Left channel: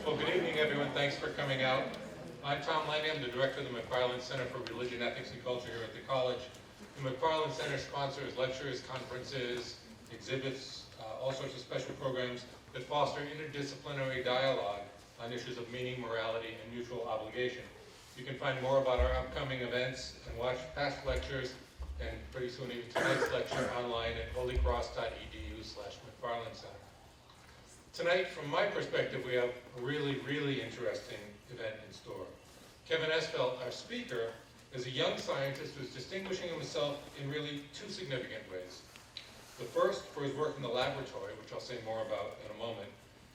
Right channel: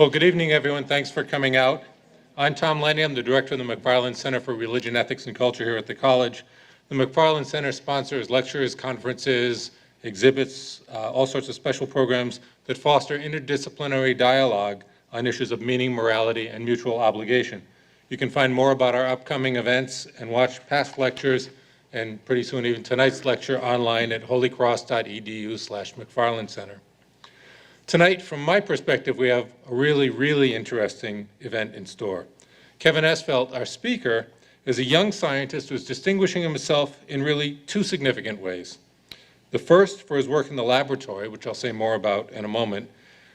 Well, good evening, everyone. Thanks for coming out. I'm Tom Lenny. I'm the director of the McFarland Center for Religion, Ethics, and Culture here at the college. The McFarland Center sponsors lectures, conferences, exhibits, all sorts of special programs that foster interdisciplinary dialogue on issues of meaning, morality, and mutual obligation. You can find more about our upcoming events and watch past lectures, and pretty soon even tonight's lecture, online at holycross.edu/McFarland Center. Tonight, from my perspective, we have a really interesting event in store. Kevin Esvelt, our speaker, is a young scientist who's distinguishing himself in really two significant ways. The first for his work in the laboratory, which I'll say more about in a moment,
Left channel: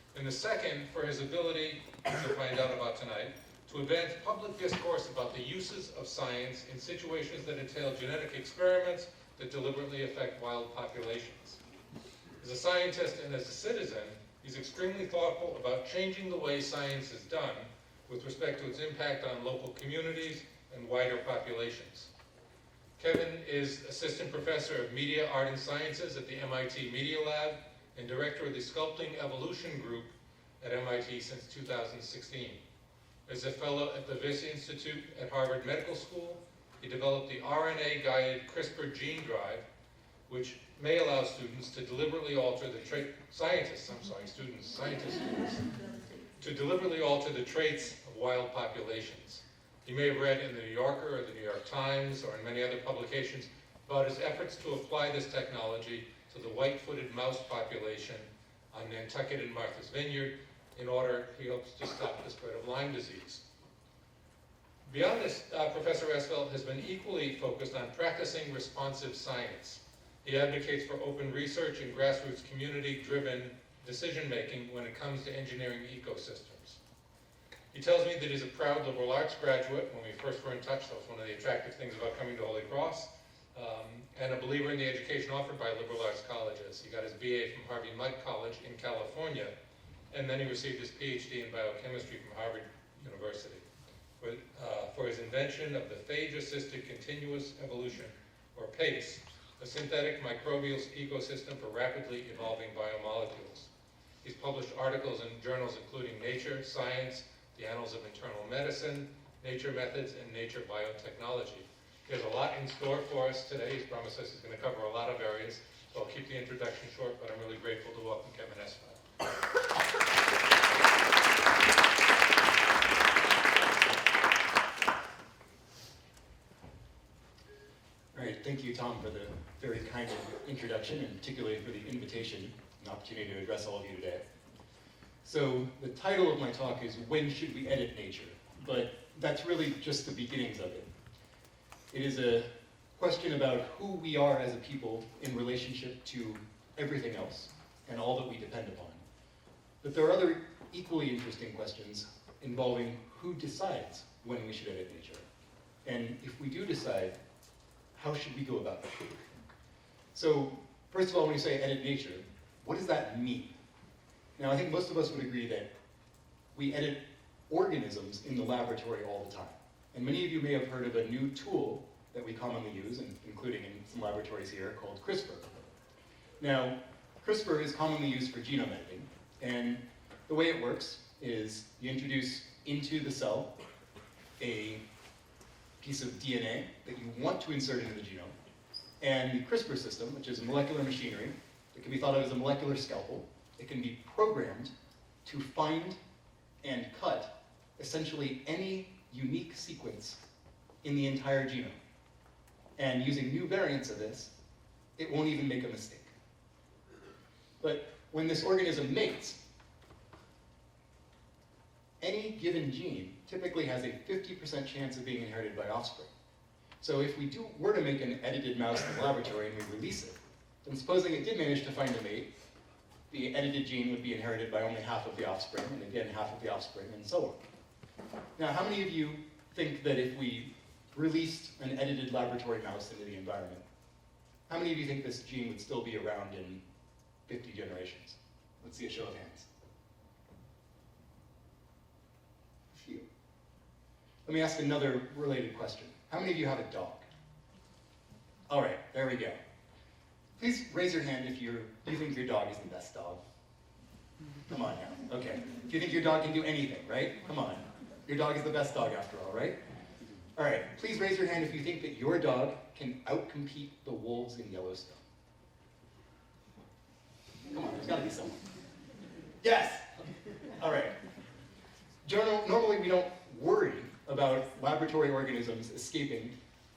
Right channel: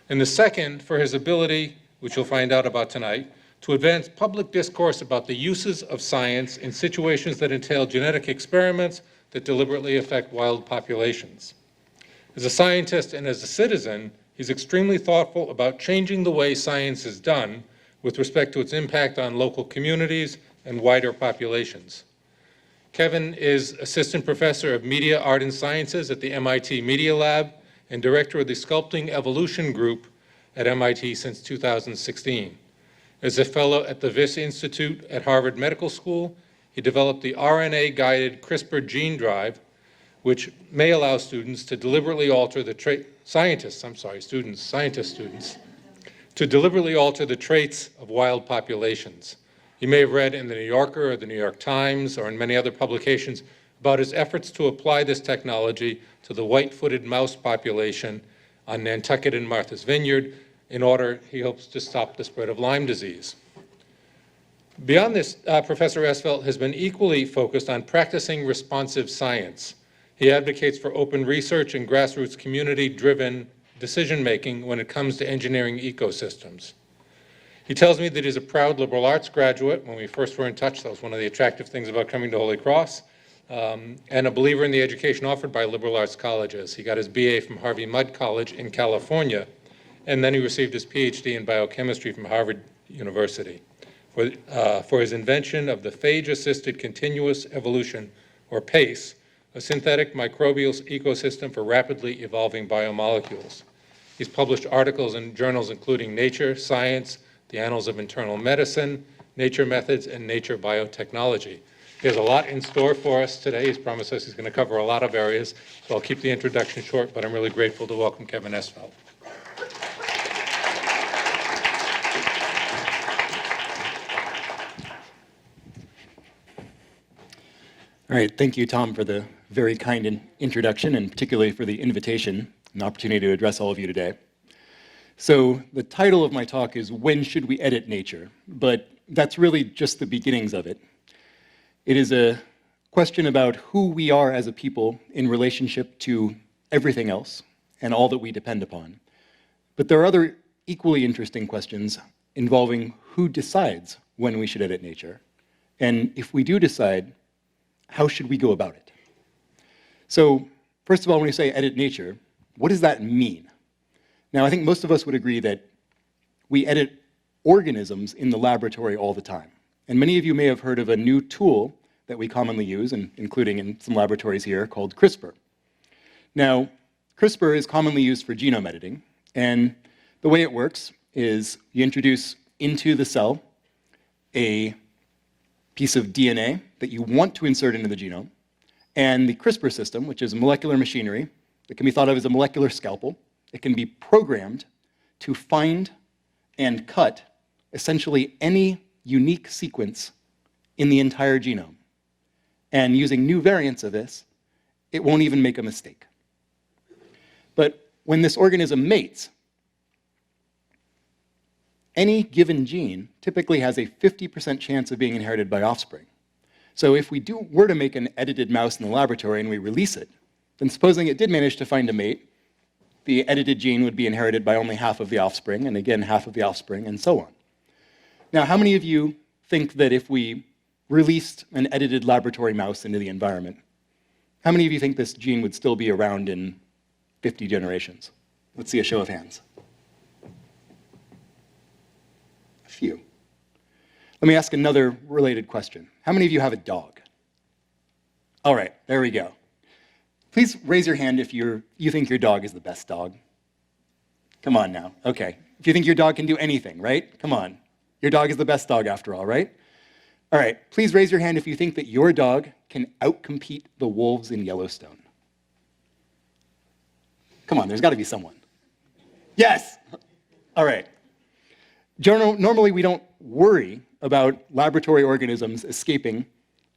and the second for his ability, which you'll find out about tonight, to advance public discourse about the uses of science in situations that entail genetic experiments that deliberately affect wild populations. As a scientist and as a citizen, he's extremely thoughtful about changing the way science is done with respect to its impact on local communities and wider populations. Kevin is Assistant Professor of Media, Art, and Sciences at the MIT Media Lab and Director of the Sculpting Evolution Group at MIT since 2016. As a fellow at the Wyss Institute at Harvard Medical School, he developed the RNA-guided CRISPR Gene Drive, which may allow students to deliberately alter the to deliberately alter the traits of wild populations. You may have read in the New Yorker or the New York Times or in many other publications about his efforts to apply this technology to the white-footed mouse population on Nantucket and Martha's Vineyard in order, he hopes, to stop the spread of Lyme disease. Beyond this, Professor Esvelt has been equally focused on practicing responsive science. He advocates for open research and grassroots community-driven decision-making when it comes to engineering ecosystems. He tells me that he's a proud liberal arts graduate. When we first were in touch, that was one of the attractive things about coming to Holy Cross, and a believer in the education offered by liberal arts colleges. He got his BA from Harvey Mudd College in California, and then he received his PhD in biochemistry from Harvard University for his invention of the phage-assisted continuous evolution, or PACE, a synthetic microbial ecosystem for rapidly evolving biomolecules. He's published articles in journals including Nature, Science, the Annals of Internal Medicine, Nature Methods, and Nature Biotechnology. He has a lot in store for us today. He's promised us he's going to cover a lot of areas, so I'll keep the introduction short, but I'm really grateful to welcome Kevin Esvelt. All right, thank you, Tom, for the very kind introduction, and particularly for the invitation and opportunity to address all of you today. So the title of my talk is When Should We Edit Nature? But that's really just the beginnings of it. It is a question about who we are as a people in relationship to everything else and all that we depend upon. But there are other equally interesting questions involving who decides when we should edit nature. And if we do decide, how should we go about it? So first of all, when we say edit nature, what does that mean? Now, I think most of us would agree that we edit organisms in the laboratory all the time. And many of you may have heard of a new tool that we commonly use, and including in some laboratories here, called CRISPR. Now, CRISPR is commonly used for genome editing, and the way it works is you introduce into the cell a piece of DNA that you want to insert into the genome, and the CRISPR system, which is molecular machinery, that can be thought of as a molecular scalpel, it can be programmed to find and cut essentially any unique sequence in the entire genome. And using new variants of this, it won't even make a mistake. But when this organism mates, any given gene typically has a 50% chance of being inherited by offspring. So if we were to make an edited mouse in the laboratory and we release it, then supposing it did manage to find a mate, the edited gene would be inherited by only half of the offspring, and again, half of the offspring, and so on. Now, how many of you think that if we released an edited laboratory mouse into the environment, how many of you think this gene would still be around in 50 generations? Let's see a show of hands. A few. Let me ask another related question. How many of you have a dog? All right, there we go. Please raise your hand if you think your dog is the best dog. Come on now. Okay. If you think your dog can do anything, right? Come on. Your dog is the best dog after all, right? All right. Please raise your hand if you think that your dog can outcompete the wolves in Yellowstone. Come on, there's got to be someone. Yes! All right. Normally, we don't worry about laboratory organisms escaping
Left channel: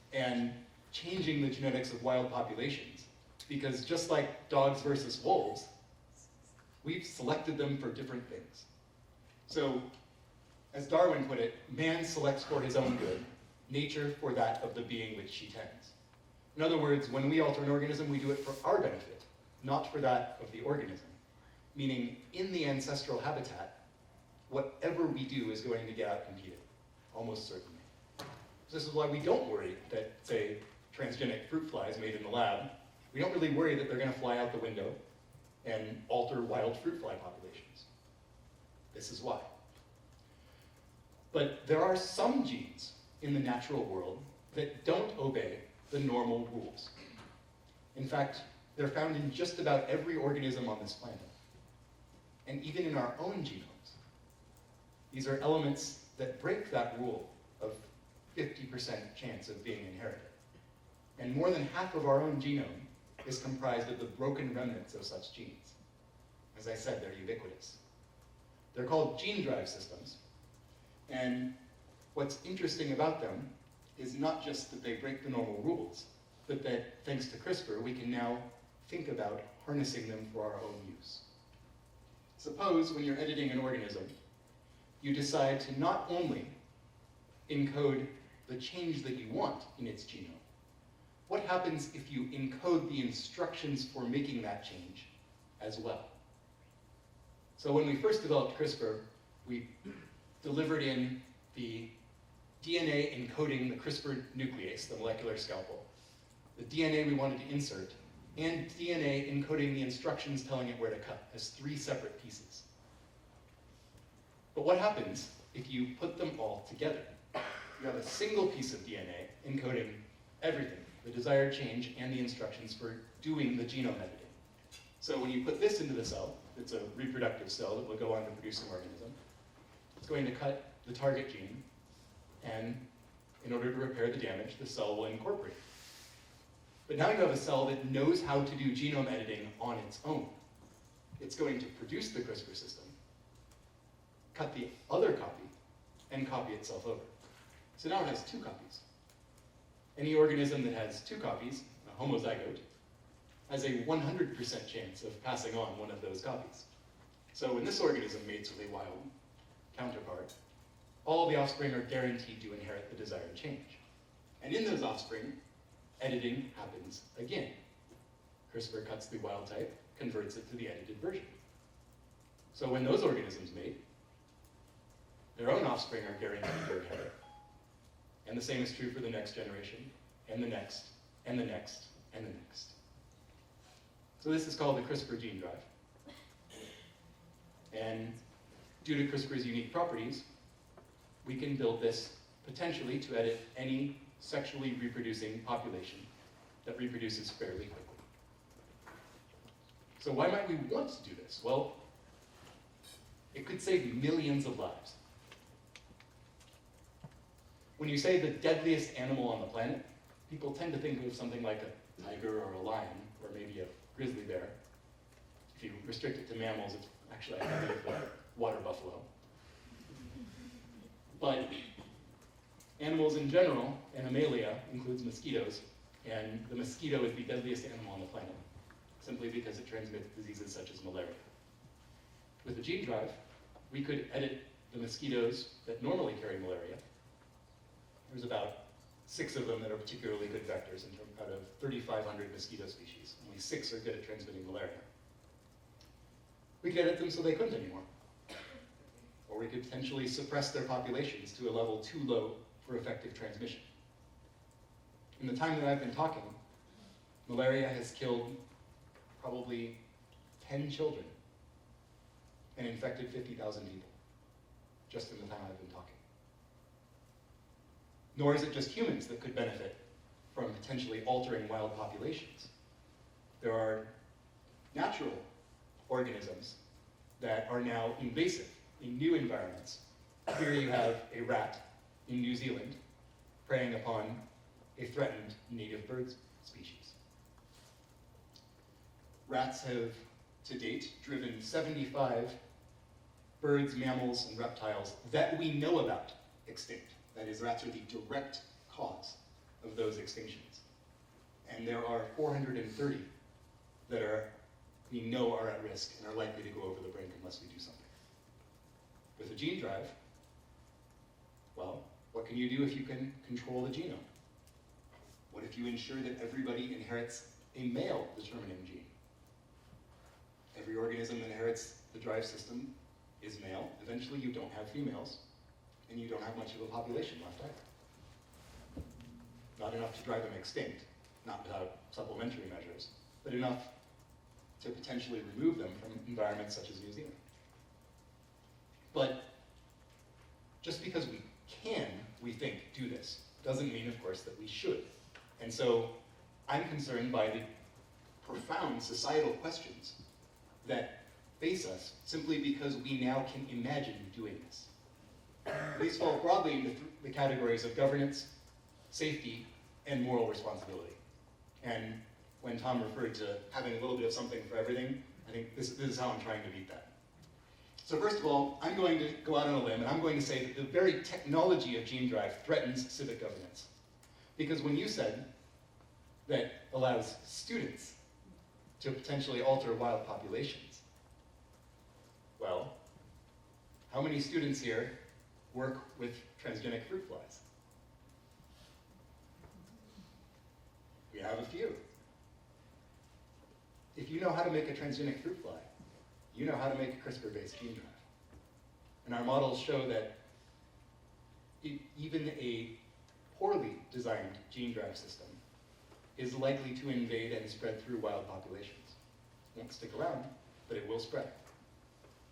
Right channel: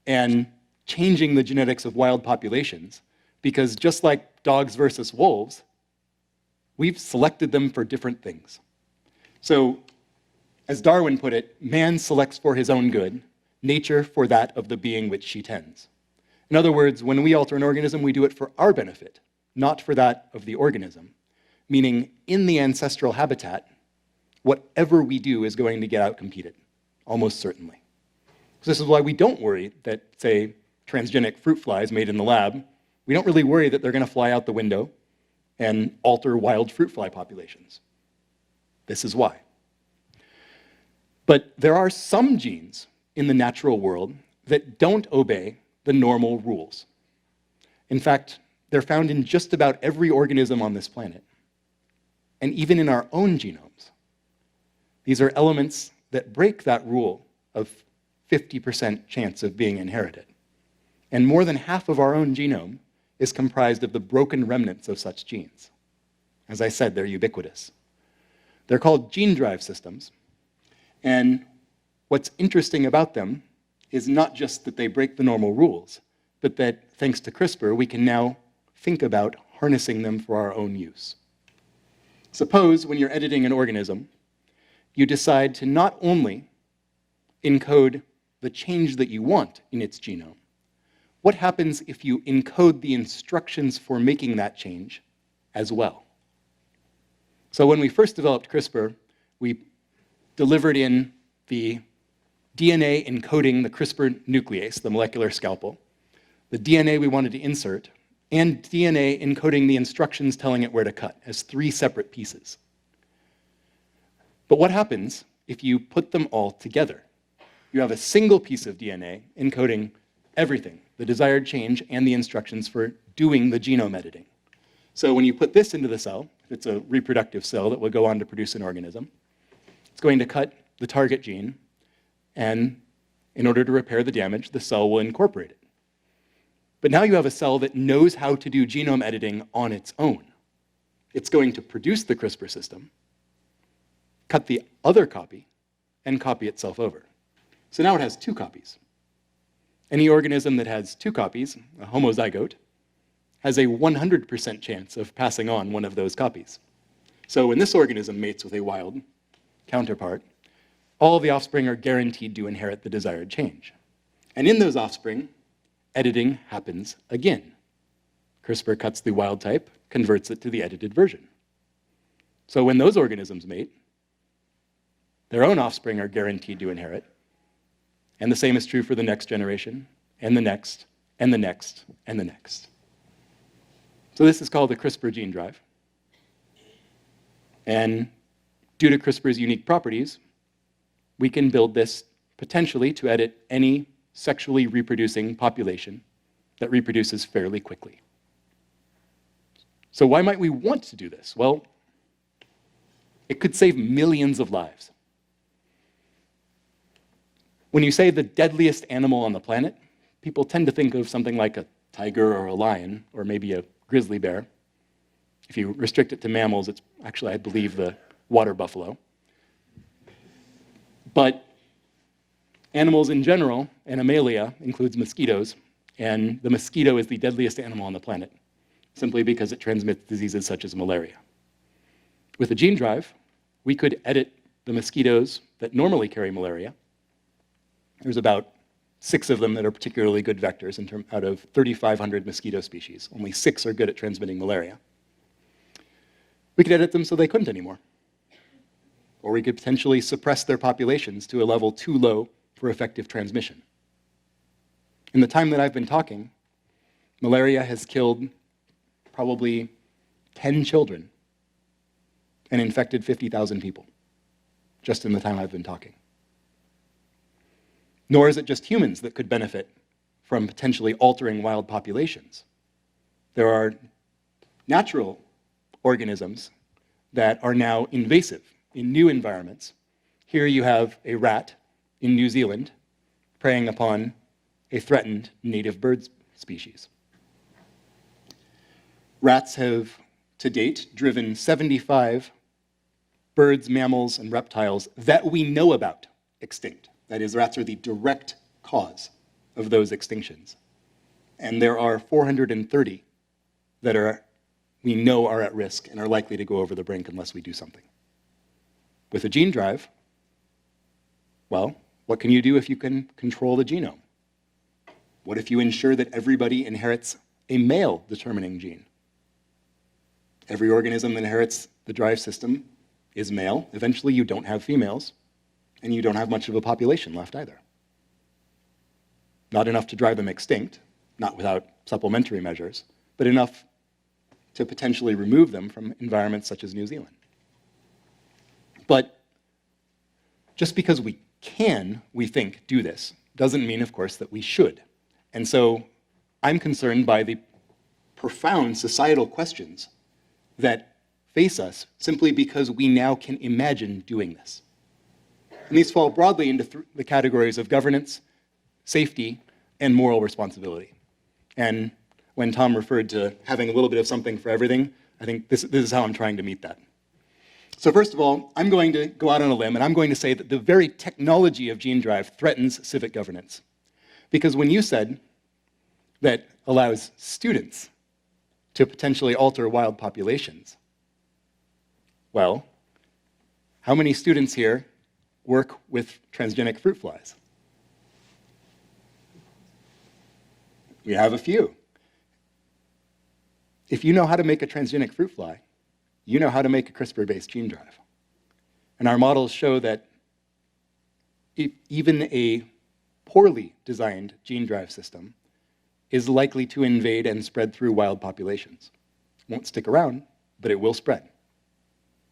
and changing the genetics of wild populations, because just like dogs versus wolves, we've selected them for different things. So, as Darwin put it, man selects for his own good, nature for that of the being which she tends. In other words, when we alter an organism, we do it for our benefit, not for that of the organism. Meaning, in the ancestral habitat, whatever we do is going to get outcompeted, almost certainly. So this is why we don't worry that, say, transgenic fruit flies made in the lab, we don't really worry that they're going to fly out the window and alter wild fruit fly populations. This is why. But there are some genes in the natural world that don't obey the normal rules. In fact, they're found in just about every organism on this planet, and even in our own genomes. These are elements that break that rule of 50% chance of being inherited. And more than half of our own genome is comprised of the broken remnants of such genes. As I said, they're ubiquitous. They're called gene drive systems. And what's interesting about them is not just that they break the normal rules, but that thanks to CRISPR, we can now think about harnessing them for our own use. Suppose when you're editing an organism, you decide to not only encode the change that you want in its genome, what happens if you encode the instructions for making that change as well? So when we first developed CRISPR, we delivered in the DNA encoding the CRISPR nuclease, the molecular scalpel, the DNA we wanted to insert, and DNA encoding the instructions telling it where to cut as 3 separate pieces. But what happens if you put them all together? You have a single piece of DNA encoding everything, the desired change and the instructions for doing the genome editing. So when you put this into the cell, it's a reproductive cell that will go on to produce an organism. It's going to cut the target gene, and in order to repair the damage, the cell will incorporate it. But now you have a cell that knows how to do genome editing on its own. It's going to produce the CRISPR system, cut the other copy, and copy itself over. So now it has 2 copies. Any organism that has 2 copies, a homozygote, has a 100% chance of passing on one of those copies. So when this organism mates with a wild counterpart, all of the offspring are guaranteed to inherit the desired change. And in those offspring, editing happens again. CRISPR cuts the wild type, converts it to the edited version. So when those organisms mate, their own offspring are guaranteed to inherit. And the same is true for the next generation, and the next, and the next, and the next. So this is called the CRISPR Gene Drive. And due to CRISPR's unique properties, we can build this potentially to edit any sexually reproducing population that reproduces fairly quickly. So why might we want to do this? Well, it could save millions of lives. When you say the deadliest animal on the planet, people tend to think of something like a tiger or a lion, or maybe a grizzly bear. If you restrict it to mammals, it's actually, I believe, the water buffalo. But animals in general, Animalia, includes mosquitoes, and the mosquito is the deadliest animal on the planet, simply because it transmits diseases such as malaria. With a gene drive, we could edit the mosquitoes that normally carry malaria. There's about 6 of them that are particularly good vectors out of 3,500 mosquito species. Only 6 are good at transmitting malaria. We could edit them so they couldn't anymore. Or we could potentially suppress their populations to a level too low for effective transmission. In the time that I've been talking, malaria has killed probably 10 children and infected 50,000 people, just in the time I've been talking. Nor is it just humans that could benefit from potentially altering wild populations. There are natural organisms that are now invasive in new environments. Here you have a rat in New Zealand preying upon a threatened native bird species. Rats have, to date, driven 75 birds, mammals, and reptiles that we know about extinct. That is, rats are the direct cause of those extinctions. And there are 430 that we know are at risk and are likely to go over the brink unless we do something. With a gene drive, well, what can you do if you can control the genome? What if you ensure that everybody inherits a male determining gene? Every organism that inherits the drive system is male. Eventually, you don't have females, and you don't have much of a population left either. Not enough to drive them extinct, not without supplementary measures, but enough to potentially remove them from environments such as New Zealand. But just because we can, we think, do this, doesn't mean, of course, that we should. And so I'm concerned by the profound societal questions that face us simply because we now can imagine doing this. And these fall broadly into the categories of governance, safety, and moral responsibility. And when Tom referred to having a little bit of something for everything, I think this is how I'm trying to meet that. So first of all, I'm going to go out on a limb, and I'm going to say that the very technology of gene drive threatens civic governance. Because when you said that allows students to potentially alter wild populations, well, how many students here work with transgenic fruit flies? We have a few. If you know how to make a transgenic fruit fly, you know how to make a CRISPR-based gene drive. And our models show that even a poorly designed gene drive system is likely to invade and spread through wild populations. It won't stick around, but it will spread.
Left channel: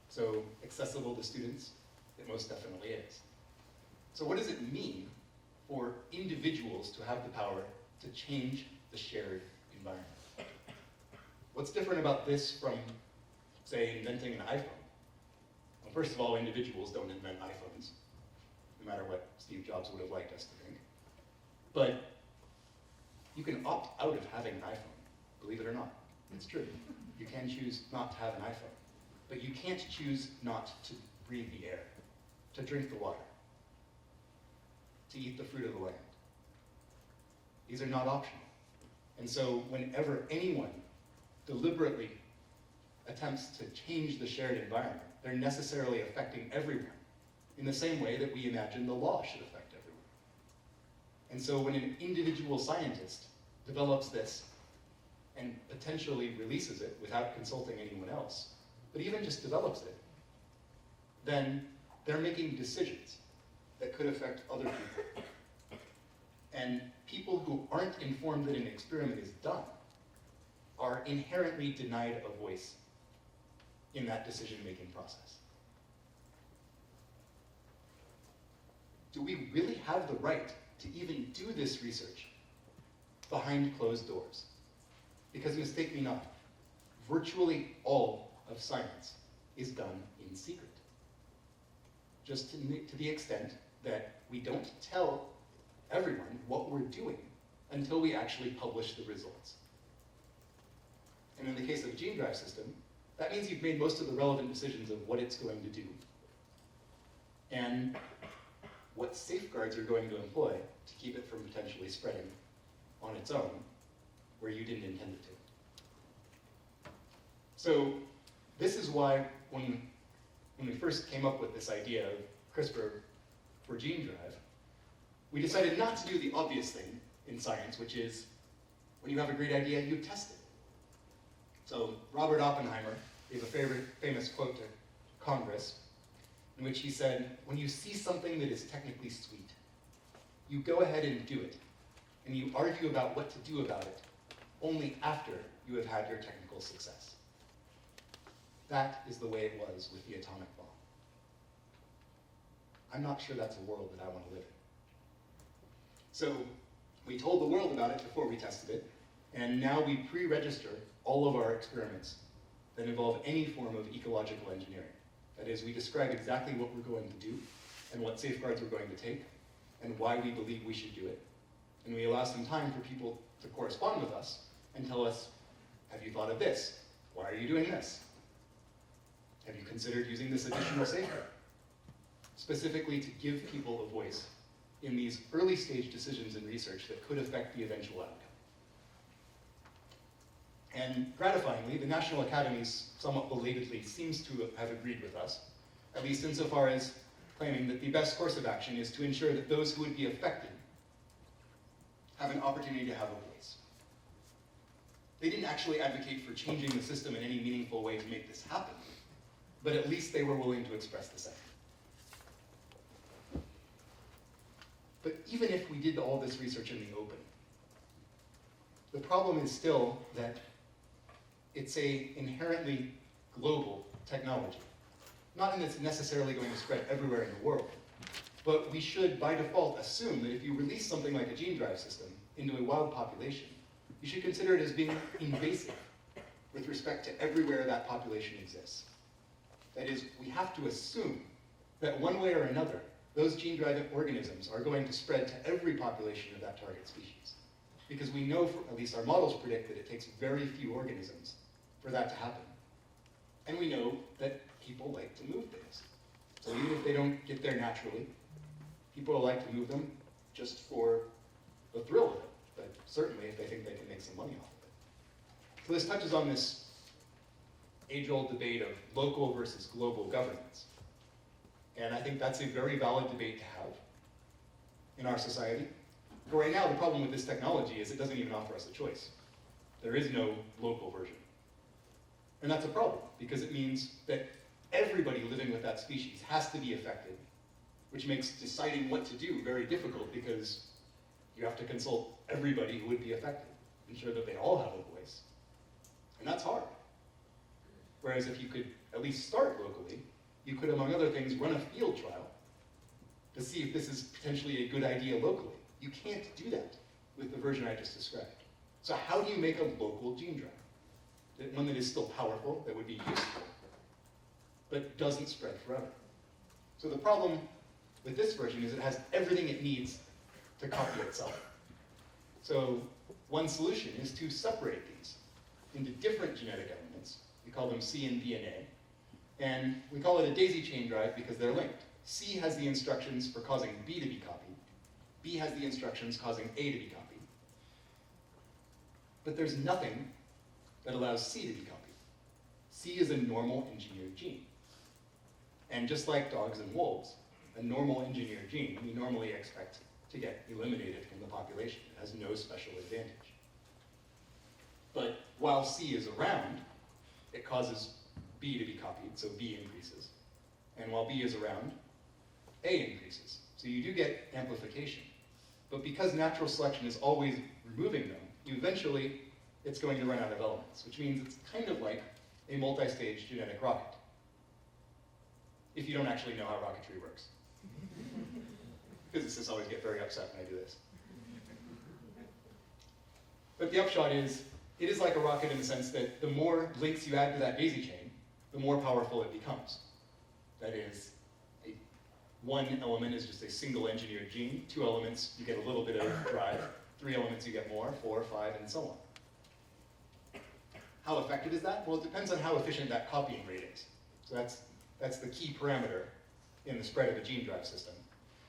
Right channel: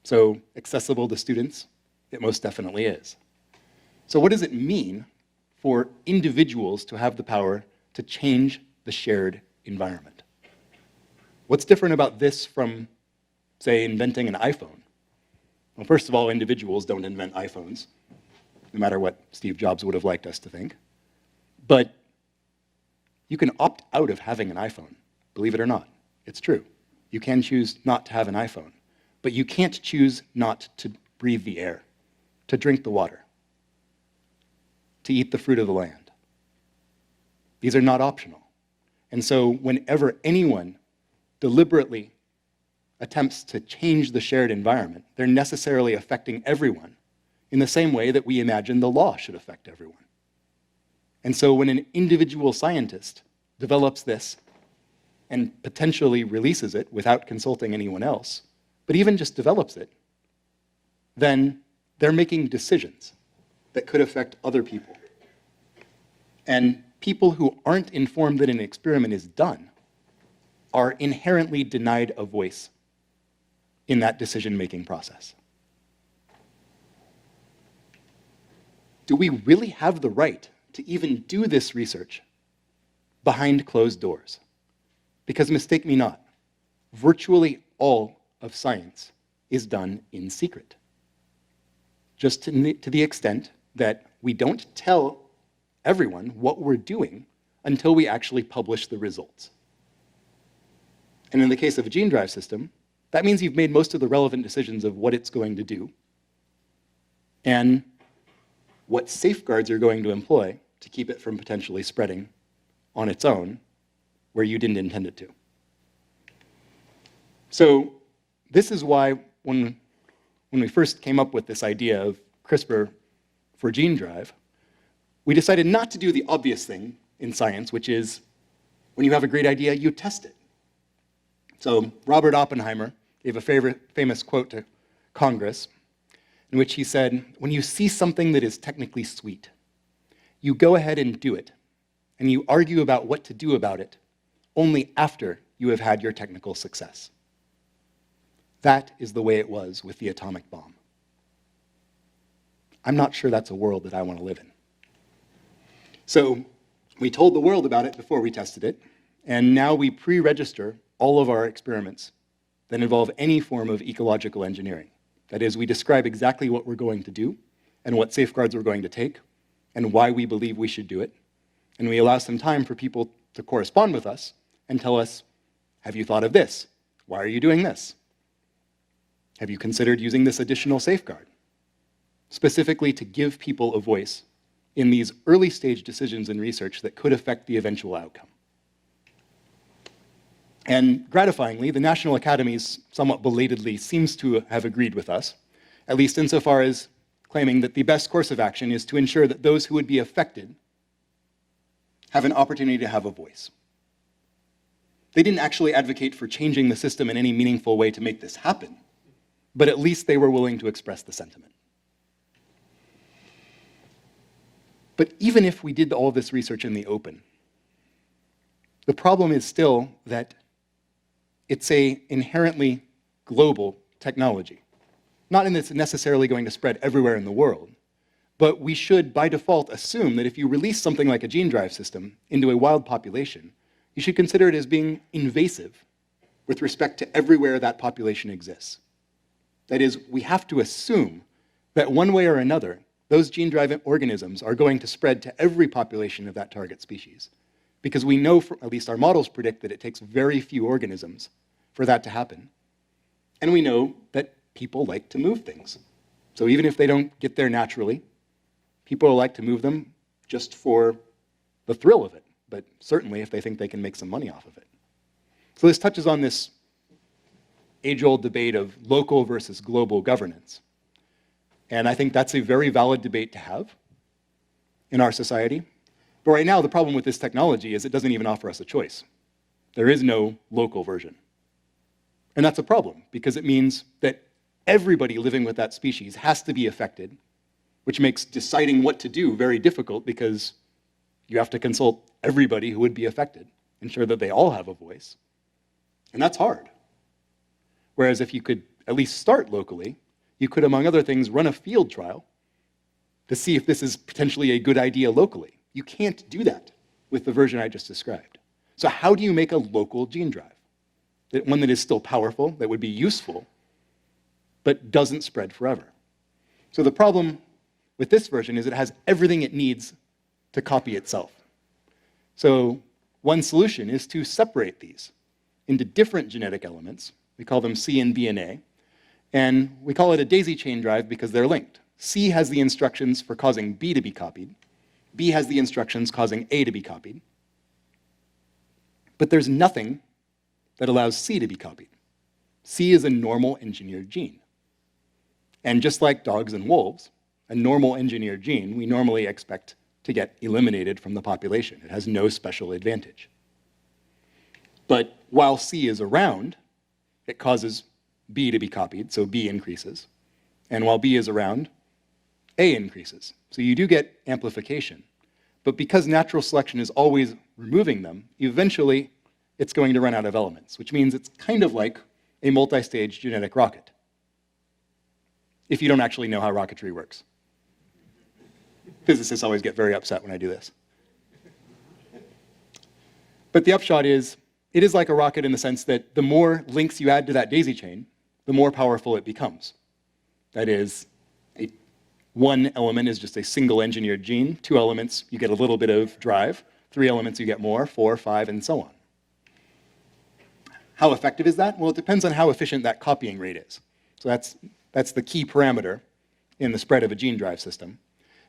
So accessible to students, it most definitely is. So what does it mean for individuals to have the power to change the shared environment? What's different about this from, say, inventing an iPhone? Well, first of all, individuals don't invent iPhones, no matter what Steve Jobs would have liked us to think. But you can opt out of having an iPhone, believe it or not. It's true. You can choose not to have an iPhone. But you can't choose not to breathe the air, to drink the water, to eat the fruit of the land. These are not optional. And so whenever anyone deliberately attempts to change the shared environment, they're necessarily affecting everyone in the same way that we imagine the law should affect everyone. And so when an individual scientist develops this and potentially releases it without consulting anyone else, but even just develops it, then they're making decisions that could affect other people. And people who aren't informed that an experiment is done are inherently denied a voice in that decision-making process. Do we really have the right to even do this research behind closed doors? Because mistake me not, virtually all of science is done in secret. Just to the extent that we don't tell everyone what we're doing until we actually publish the results. And in the case of a gene drive system, that means you've made most of the relevant decisions of what it's going to do and what safeguards you're going to employ to keep it from potentially spreading on its own where you didn't intend it to. So this is why when we first came up with this idea of CRISPR for gene drive, we decided not to do the obvious thing in science, which is when you have a great idea, you test it. So Robert Oppenheimer gave a famous quote to Congress in which he said, when you see something that is technically sweet, you go ahead and do it, and you argue about what to do about it only after you have had your technical success. That is the way it was with the atomic bomb. I'm not sure that's a world that I want to live in. So we told the world about it before we tested it, and now we pre-register all of our experiments that involve any form of ecological engineering. That is, we describe exactly what we're going to do and what safeguards we're going to take and why we believe we should do it. And we allow some time for people to correspond with us and tell us, have you thought of this? Why are you doing this? Have you considered using this additional safeguard? Specifically to give people a voice in these early stage decisions in research that could affect the eventual outcome. And gratifyingly, the National Academies somewhat belatedly seems to have agreed with us, at least insofar as claiming that the best course of action is to ensure that those who would be affected have an opportunity to have a voice. They didn't actually advocate for changing the system in any meaningful way to make this happen, but at least they were willing to express the sentiment. But even if we did all this research in the open, the problem is still that it's an inherently global technology. Not in that it's necessarily going to spread everywhere in the world, but we should, by default, assume that if you release something like a gene drive system into a wild population, you should consider it as being invasive with respect to everywhere that population exists. That is, we have to assume that one way or another, those gene drive organisms are going to spread to every population of that target species. Because we know, at least our models predict, that it takes very few organisms for that to happen. And we know that people like to move things. So even if they don't get there naturally, people like to move them just for the thrill of it, but certainly if they think they can make some money off of it. So this touches on this age-old debate of local versus global governance. And I think that's a very valid debate to have in our society. But right now, the problem with this technology is it doesn't even offer us a choice. There is no local version. And that's a problem, because it means that everybody living with that species has to be affected, which makes deciding what to do very difficult, because you have to consult everybody who would be affected, ensure that they all have a voice. And that's hard. Whereas if you could at least start locally, you could, among other things, run a field trial to see if this is potentially a good idea locally. You can't do that with the version I just described. So how do you make a local gene drive? One that is still powerful, that would be useful, but doesn't spread forever. So the problem with this version is it has everything it needs to copy itself. So one solution is to separate these into different genetic elements. We call them C and B and A. And we call it a daisy chain drive because they're linked. C has the instructions for causing B to be copied. B has the instructions causing A to be copied. But there's nothing that allows C to be copied. C is a normal engineered gene. And just like dogs and wolves, a normal engineered gene we normally expect to get eliminated from the population. It has no special advantage. But while C is around, it causes B to be copied, so B increases. And while B is around, A increases. So you do get amplification. But because natural selection is always removing them, eventually it's going to run out of elements, which means it's kind of like a multi-stage genetic rocket, if you don't actually know how rocketry works. Physicists always get very upset when I do this. But the upshot is, it is like a rocket in the sense that the more links you add to that daisy chain, the more powerful it becomes. That is, one element is just a single engineered gene. 2 elements, you get a little bit of drive. 3 elements, you get more. 4, 5, and so on. How effective is that? Well, it depends on how efficient that copying rate is. So that's the key parameter in the spread of a gene drive system.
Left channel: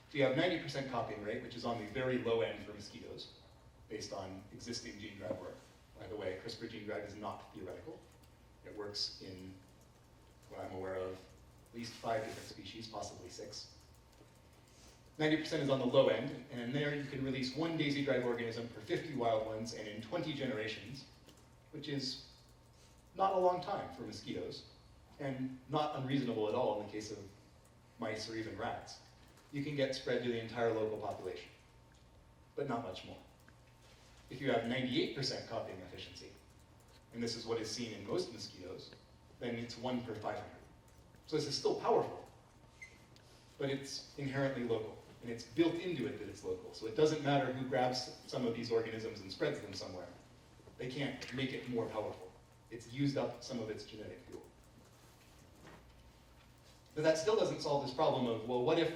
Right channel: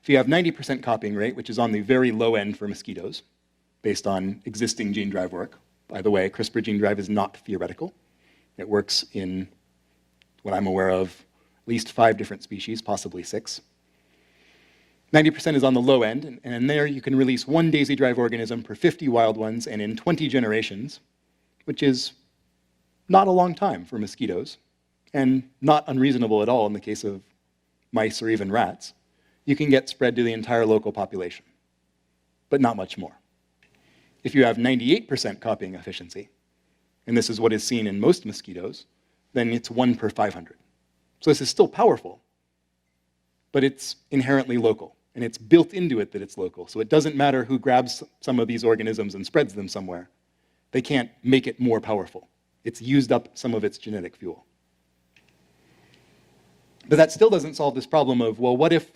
If you have 90% copying rate, which is on the very low end for mosquitoes, based on existing gene drive work. By the way, CRISPR Gene Drive is not theoretical. It works in what I'm aware of, at least 5 different species, possibly 6. 90% is on the low end, and there you can release 1 daisy drive organism per 50 wild ones, and in 20 generations, which is not a long time for mosquitoes, and not unreasonable at all in the case of mice or even rats, you can get spread to the entire local population, but not much more. If you have 98% copying efficiency, and this is what is seen in most mosquitoes, then it's 1 per 500. So this is still powerful, but it's inherently local, and it's built into it that it's local. So it doesn't matter who grabs some of these organisms and spreads them somewhere. They can't make it more powerful. It's used up some of its genetic fuel. But that still doesn't solve this problem of, well, what if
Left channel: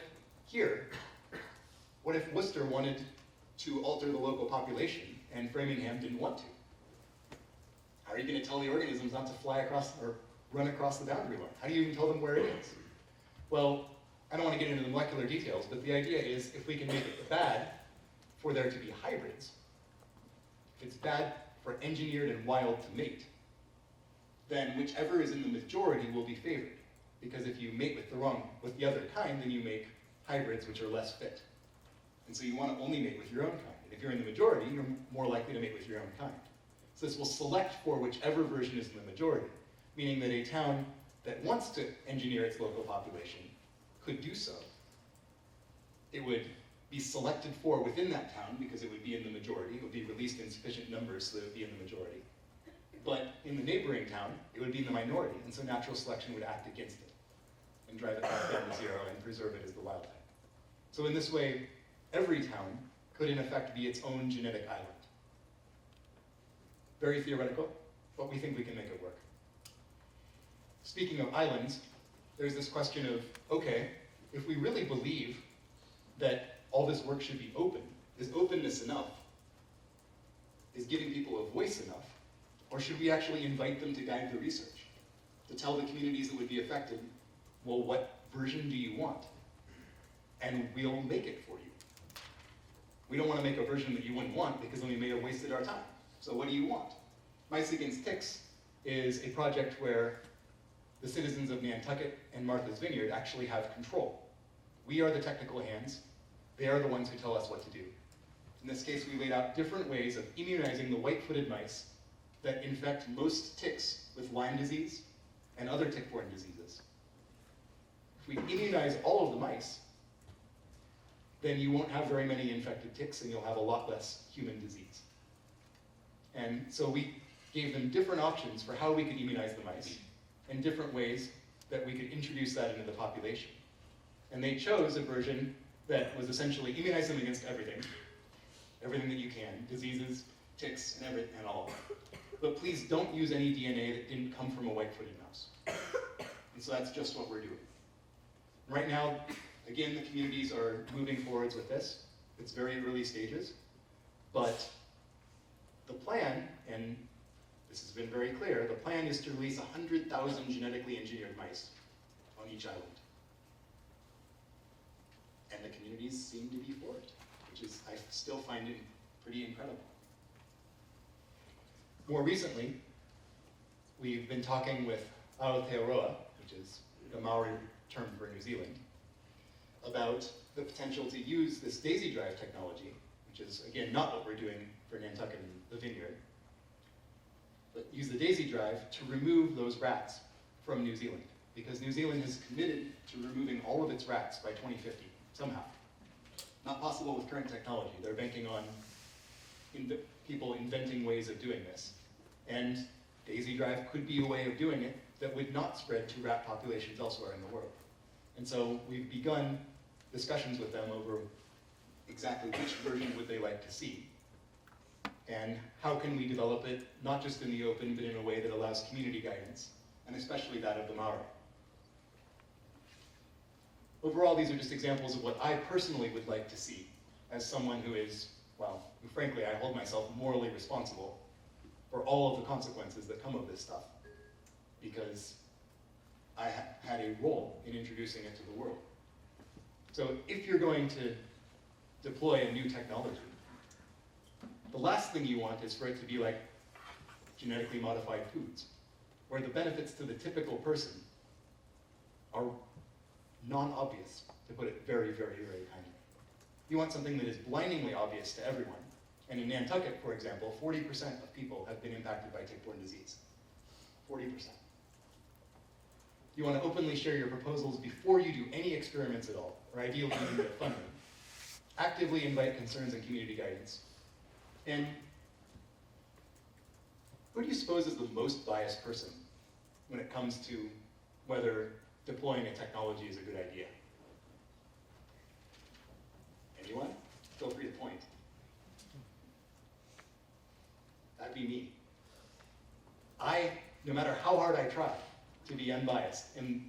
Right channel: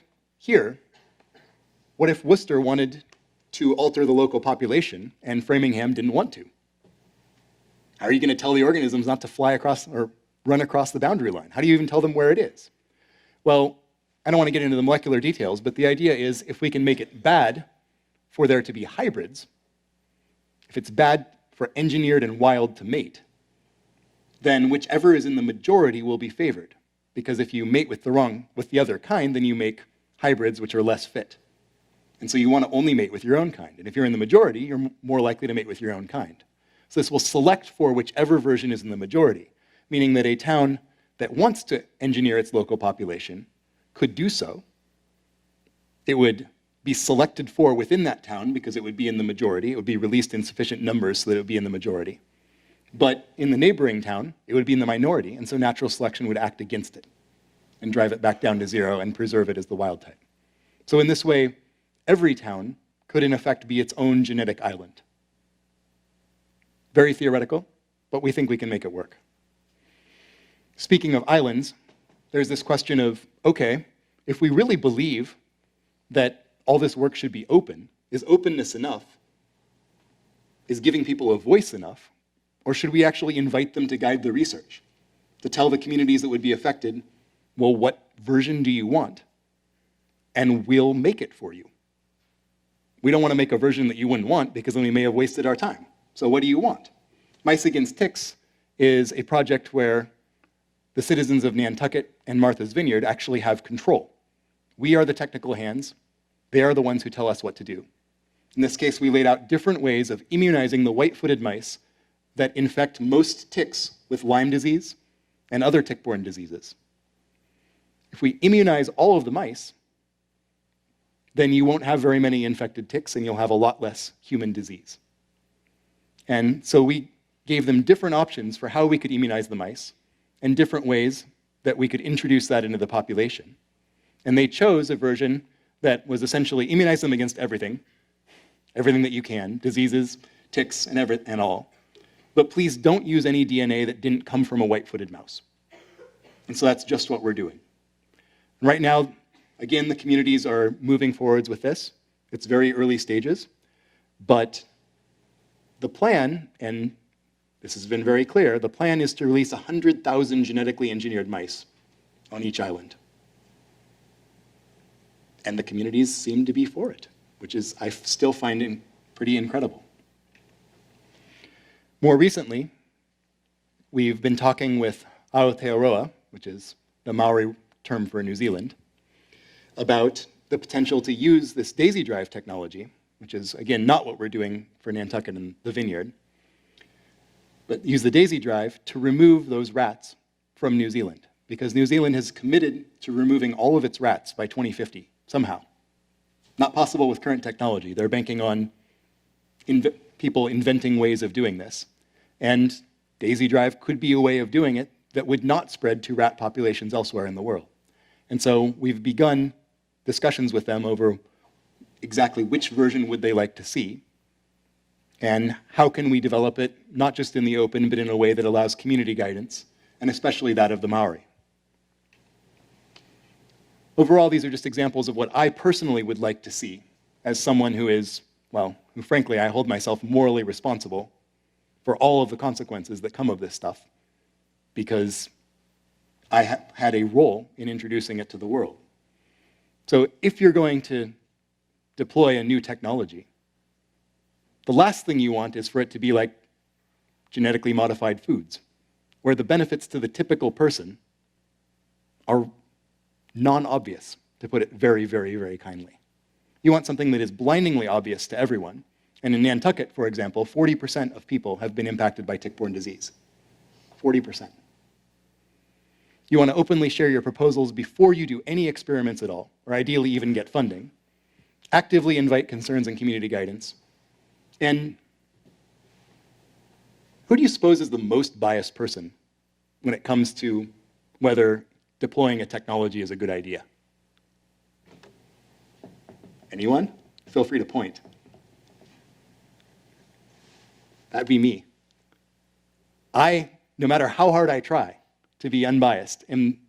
Worcester wanted to alter the local population and Framingham didn't want to? How are you going to tell the organisms not to fly across or run across the boundary line? How do you even tell them where it is? Well, I don't want to get into the molecular details, but the idea is if we can make it bad for there to be hybrids, if it's bad for engineered and wild to mate, then whichever is in the majority will be favored. Because if you mate with the other kind, then you make hybrids which are less fit. And so you want to only mate with your own kind. And if you're in the majority, you're more likely to mate with your own kind. So this will select for whichever version is in the majority, meaning that a town that wants to engineer its local population could do so. It would be selected for within that town because it would be in the majority. It would be released in sufficient numbers so that it would be in the majority. But in the neighboring town, it would be in the minority, and so natural selection would act against it and drive it back down to zero and preserve it as the wild type. So in this way, every town could in effect be its own genetic island. Very theoretical, but we think we can make it work. Speaking of islands, there's this question of, okay, if we really believe that all this work should be open, is openness enough? Is giving people a voice enough? Or should we actually invite them to guide the research? To tell the communities that would be affected, well, what version do you want? And we'll make it for you. We don't want to make a version that you wouldn't want because then we may have wasted our time. So what do you want? Mice Against Ticks is a project where the citizens of Nantucket and Martha's Vineyard actually have control. We are the technical hands. They are the ones who tell us what to do. In this case, we laid out different ways of immunizing the white-footed mice that infect most ticks with Lyme disease and other tick-borne diseases. If we immunize all of the mice, then you won't have very many infected ticks and you'll have a lot less human disease. And so we gave them different options for how we could immunize the mice and different ways that we could introduce that into the population. And they chose a version that was essentially immunize them against everything that you can, diseases, ticks, and all. But please don't use any DNA that didn't come from a white-footed mouse. And so that's just what we're doing. Right now, again, the communities are moving forwards with this. It's very early stages. But the plan, and this has been very clear, the plan is to release 100,000 genetically engineered mice on each island. And the communities seem to be for it, which is, I still find pretty incredible. More recently, we've been talking with Aotearoa, which is the Maori term for New Zealand, about the potential to use this daisy drive technology, which is, again, not what we're doing for Nantucket and the Vineyard, but use the daisy drive to remove those rats from New Zealand, because New Zealand has committed to removing all of its rats by 2050, somehow. Not possible with current technology. They're banking on people inventing ways of doing this. And daisy drive could be a way of doing it that would not spread to rat populations elsewhere in the world. And so we've begun discussions with them over exactly which version would they like to see, and how can we develop it, not just in the open, but in a way that allows community guidance, and especially that of the Maori. Overall, these are just examples of what I personally would like to see as someone who is, well, who frankly I hold myself morally responsible for all of the consequences that come of this stuff, because I had a role in introducing it to the world. So if you're going to deploy a new technology, the last thing you want is for it to be like genetically modified foods, where the benefits to the typical person are non-obvious, to put it very, very, very kindly. You want something that is blindingly obvious to everyone. And in Nantucket, for example, 40% of people have been impacted by tick-borne disease. 40%. You want to openly share your proposals before you do any experiments at all, or ideally even get funding. Actively invite concerns and community guidance. And who do you suppose is the most biased person when it comes to whether deploying a technology is a good idea? Anyone? Feel free to point. That'd be me. I no matter how hard I try to be unbiased, and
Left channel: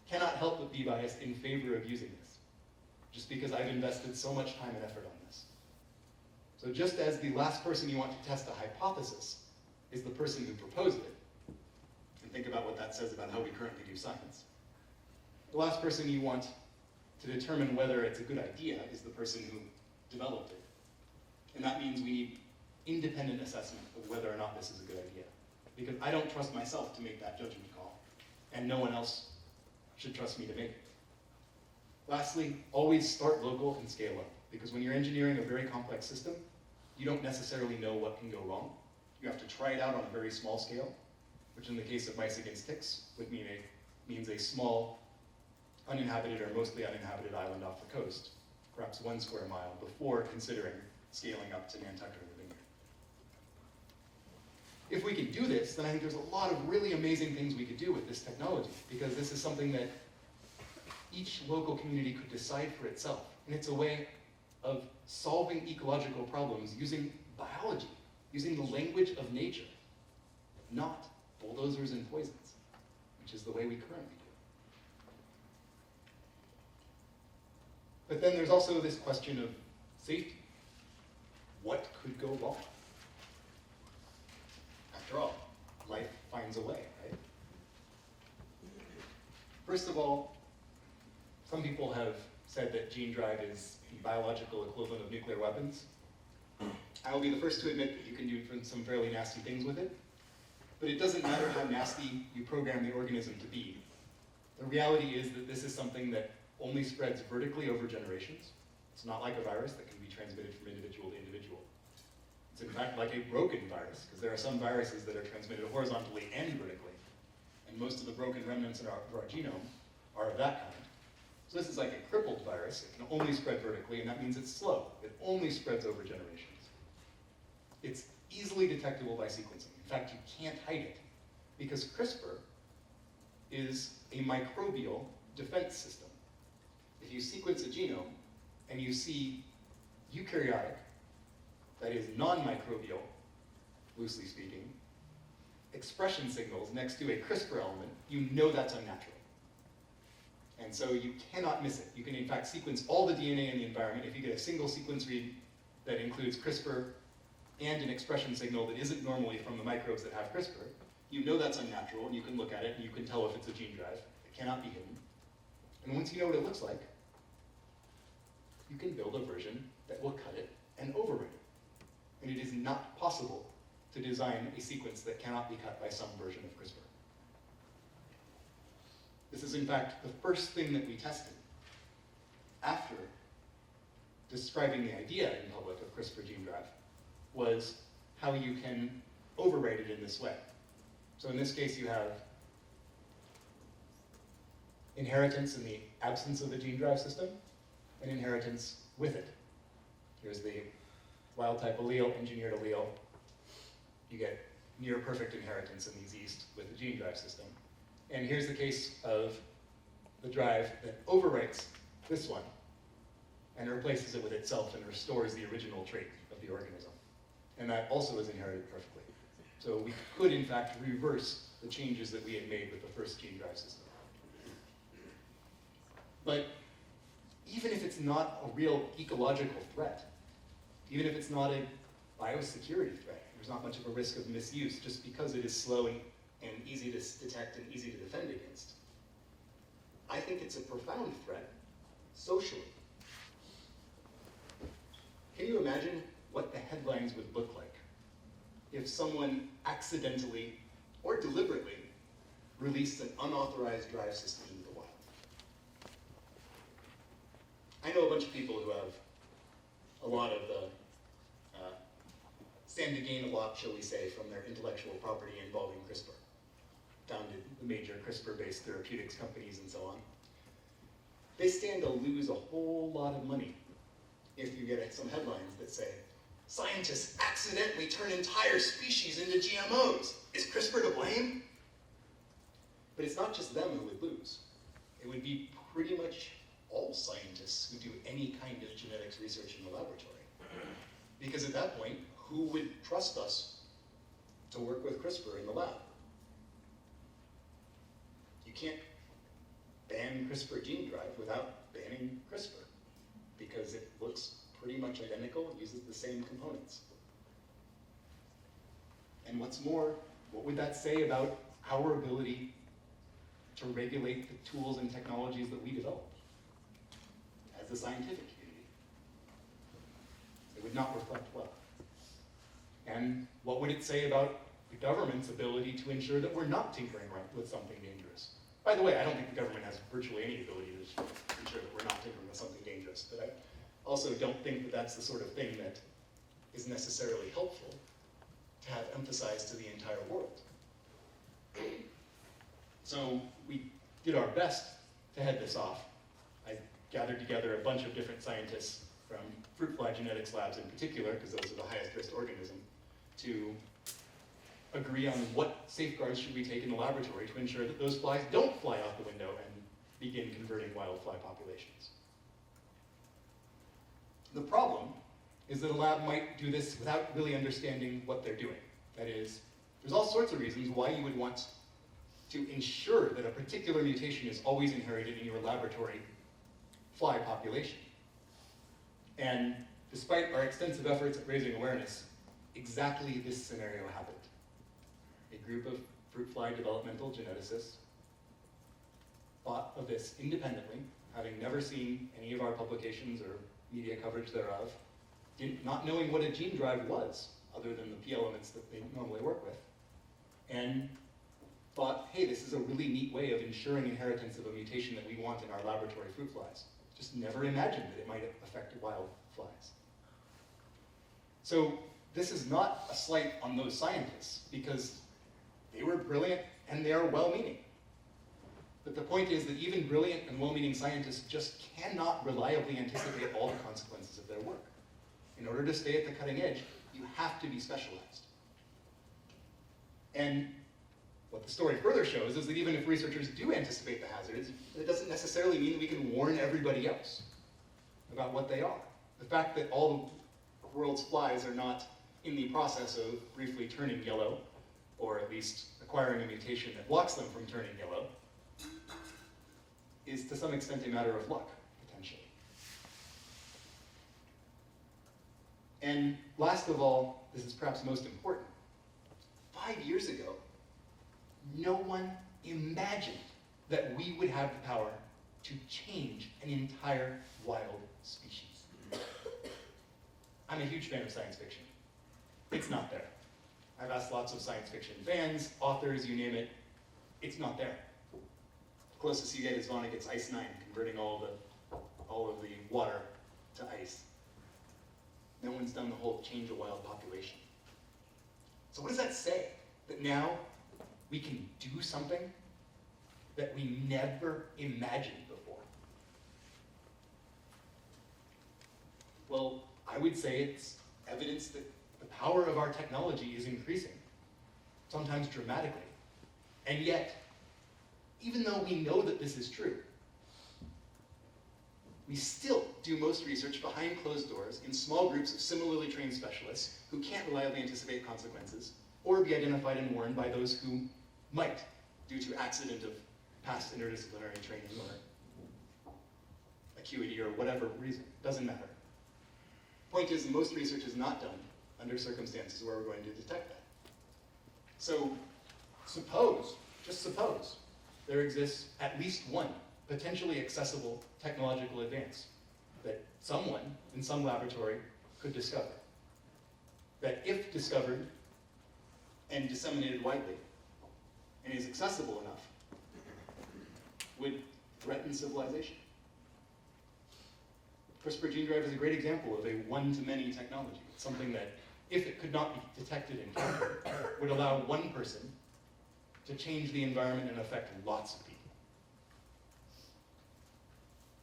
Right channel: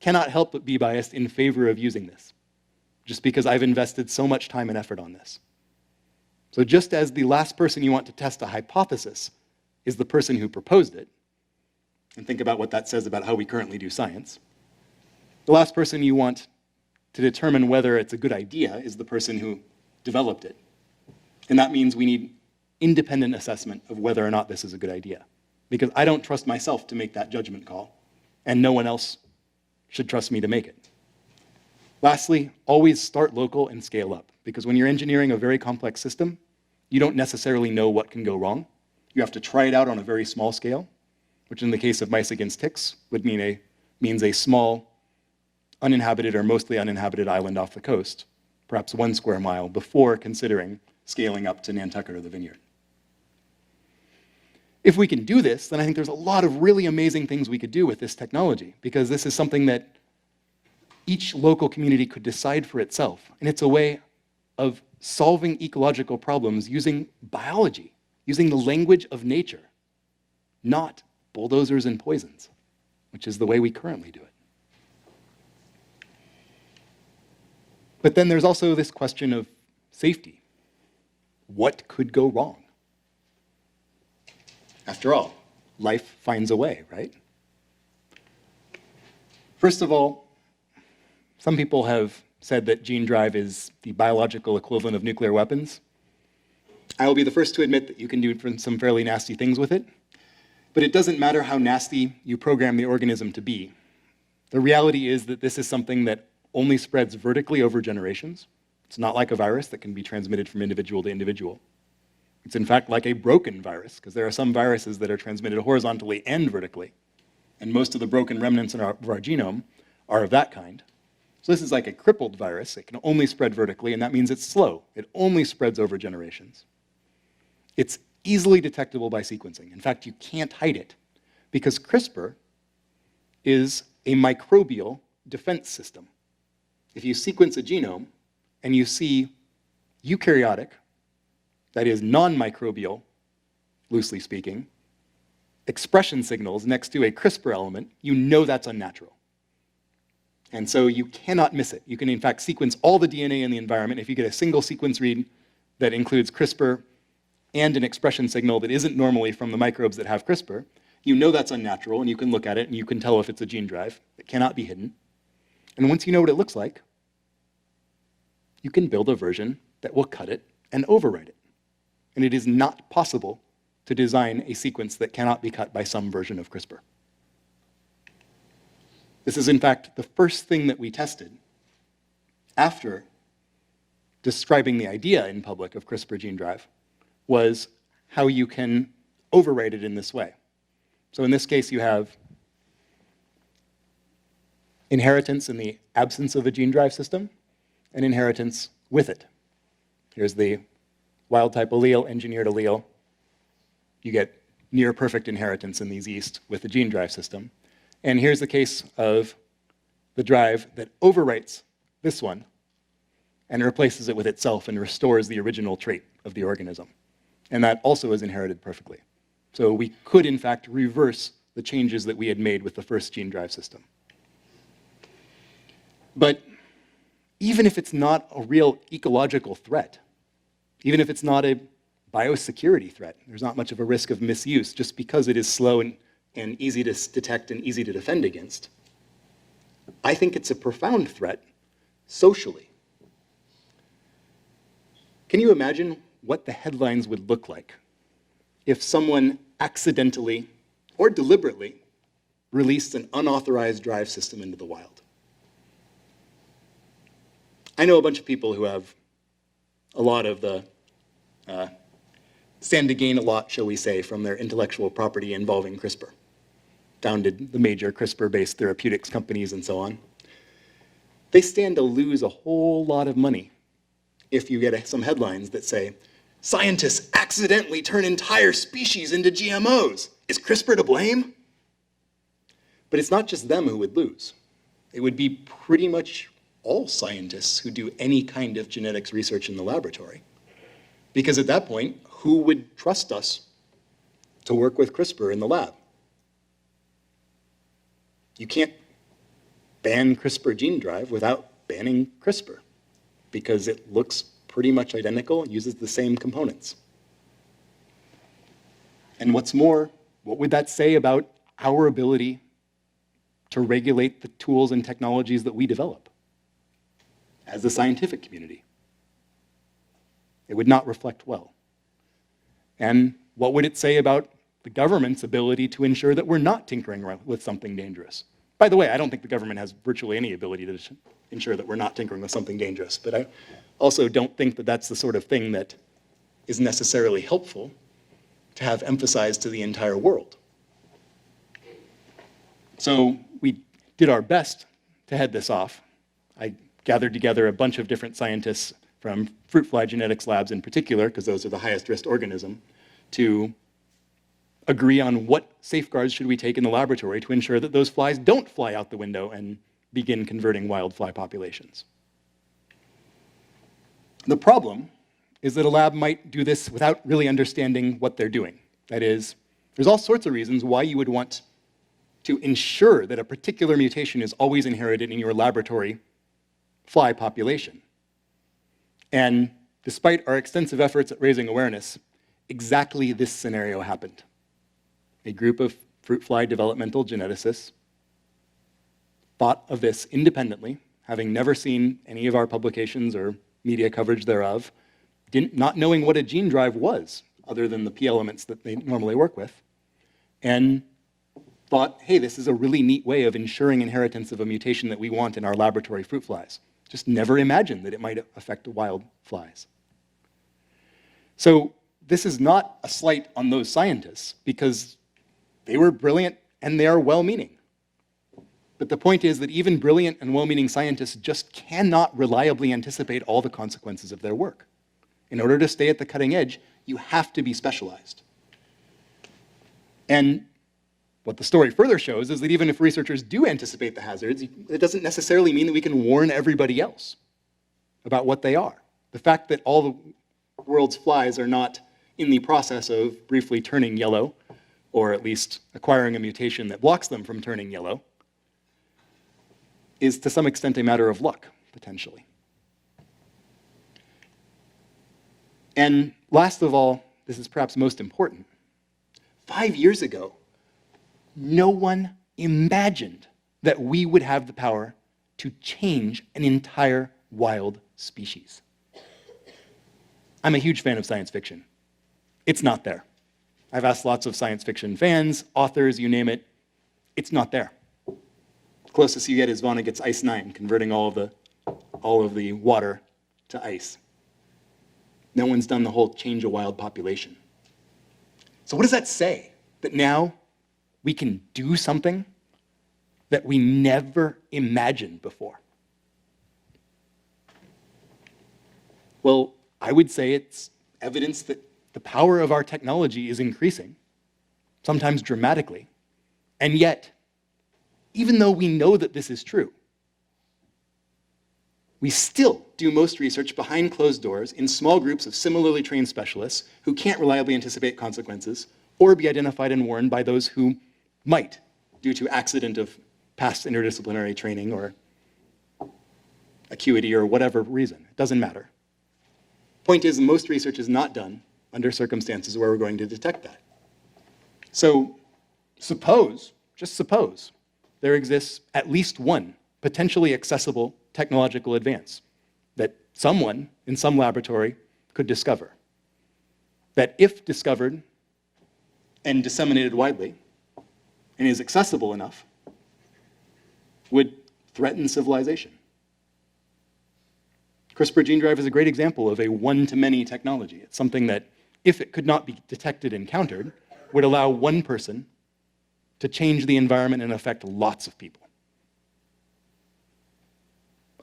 cannot help but be biased in favor of using this, just because I've invested so much time and effort on this. So just as the last person you want to test a hypothesis is the person who proposed it, and think about what that says about how we currently do science, the last person you want to determine whether it's a good idea is the person who developed it. And that means we need independent assessment of whether or not this is a good idea. Because I don't trust myself to make that judgment call, and no one else should trust me to make it. Lastly, always start local and scale up, because when you're engineering a very complex system, you don't necessarily know what can go wrong. You have to try it out on a very small scale, which in the case of mice against ticks would means a small, uninhabited or mostly uninhabited island off the coast, perhaps 1 square mile, before considering scaling up to Nantucket or the Vineyard. If we can do this, then I think there's a lot of really amazing things we could do with this technology, because this is something that each local community could decide for itself. And it's a way of solving ecological problems using biology, using the language of nature, not bulldozers and poisons, which is the way we currently do it. But then there's also this question of safety. What could go wrong? After all, life finds a way, right? First of all, some people have said that gene drive is the biological equivalent of nuclear weapons. I will be the first to admit that you can do some fairly nasty things with it, but it doesn't matter how nasty you program the organism to be. The reality is that this is something that only spreads vertically over generations. It's not like a virus that can be transmitted from individual to individual. It's in fact like a broken virus, because there are some viruses that are transmitted horizontally and vertically, and most of the broken remnants of our genome are of that kind. So this is like a crippled virus. It can only spread vertically, and that means it's slow. It only spreads over generations. It's easily detectable by sequencing. In fact, you can't hide it, because CRISPR is a microbial defense system. If you sequence a genome and you see eukaryotic, that is non-microbial, loosely speaking, expression signals next to a CRISPR element, you know that's unnatural. And so you cannot miss it. You can in fact sequence all the DNA in the environment. If you get a single sequence read that includes CRISPR and an expression signal that isn't normally from the microbes that have CRISPR, you know that's unnatural, and you can look at it and you can tell if it's a gene drive. It cannot be hidden. And once you know what it looks like, you can build a version that will cut it and overwrite it. And it is not possible to design a sequence that cannot be cut by some version of CRISPR. This is, in fact, the first thing that we tested after describing the idea in public of CRISPR Gene Drive, was how you can overwrite it in this way. So in this case, you have inheritance in the absence of a gene drive system, and inheritance with it. Here's the wild-type allele, engineered allele. You get near-perfect inheritance in these yeast with the gene drive system. And here's the case of the drive that overwrites this one and replaces it with itself and restores the original trait of the organism. And that also is inherited perfectly. So we could, in fact, reverse the changes that we had made with the first gene drive system. But even if it's not a real ecological threat, even if it's not a biosecurity threat, there's not much of a risk of misuse just because it is slow and easy to detect and easy to defend against. I think it's a profound threat socially. Can you imagine what the headlines would look like if someone accidentally or deliberately released an unauthorized drive system into the wild? I know a bunch of people who have a lot of the stand to gain a lot, shall we say, from their intellectual property involving CRISPR, founded the major CRISPR-based therapeutics companies and so on. They stand to lose a whole lot of money if you get some headlines that say, scientists accidentally turn entire species into GMOs. Is CRISPR to blame? But it's not just them who would lose. It would be pretty much all scientists who do any kind of genetics research in the laboratory. Because at that point, who would trust us to work with CRISPR in the lab? You can't ban CRISPR Gene Drive without banning CRISPR, because it looks pretty much identical and uses the same components. And what's more, what would that say about our ability to regulate the tools and technologies that we develop as the scientific community? It would not reflect well. And what would it say about the government's ability to ensure that we're not tinkering with something dangerous? By the way, I don't think the government has virtually any ability to ensure that we're not tinkering with something dangerous, but I also don't think that that's the sort of thing that is necessarily helpful to have emphasized to the entire world. So we did our best to head this off. I gathered together a bunch of different scientists from fruit fly genetics labs in particular, because those are the highest risk organism, to agree on what safeguards should we take in the laboratory to ensure that those flies don't fly out the window and begin converting wild fly populations. The problem is that a lab might do this without really understanding what they're doing. That is, there's all sorts of reasons why you would want to ensure that a particular mutation is always inherited in your laboratory fly population. And despite our extensive efforts at raising awareness, exactly this scenario happened. A group of fruit fly developmental geneticists thought of this independently, having never seen any of our publications or media coverage thereof, not knowing what a gene drive was, other than the P elements that they normally work with, and thought, hey, this is a really neat way of ensuring inheritance of a mutation that we want in our laboratory fruit flies. Just never imagined that it might affect wild flies. So this is not a slight on those scientists, because they were brilliant and they are well-meaning. But the point is that even brilliant and well-meaning scientists just cannot reliably anticipate all the consequences of their work. In order to stay at the cutting edge, you have to be specialized. And what the story further shows is that even if researchers do anticipate the hazards, it doesn't necessarily mean that we can warn everybody else about what they are. The fact that all the world's flies are not in the process of briefly turning yellow, or at least acquiring a mutation that blocks them from turning yellow, is to some extent a matter of luck, potentially. And last of all, this is perhaps most important. 5 years ago, no one imagined that we would have the power to change an entire wild species. I'm a huge fan of science fiction. It's not there. I've asked lots of science fiction fans, authors, you name it. It's not there. The closest you get is Vonnegut's Ice 9, converting all of the water to ice. No one's done the whole change a wild population. So what does that say? That now we can do something that we never imagined before? Well, I would say it's evidence that the power of our technology is increasing, sometimes dramatically. And yet, even though we know that this is true, we still do most research behind closed doors in small groups of similarly trained specialists who can't reliably anticipate consequences or be identified and warned by those who might, due to accident of past interdisciplinary training or acuity or whatever reason. Doesn't matter. Point is, most research is not done under circumstances where we're going to detect that. So suppose, just suppose, there exists at least one potentially accessible technological advance that someone in some laboratory could discover, that if discovered and disseminated widely and is accessible enough, would threaten civilization. CRISPR Gene Drive is a great example of a one-to-many technology. It's something that, if it could not be detected and countered, would allow one person to change the environment and affect lots of people.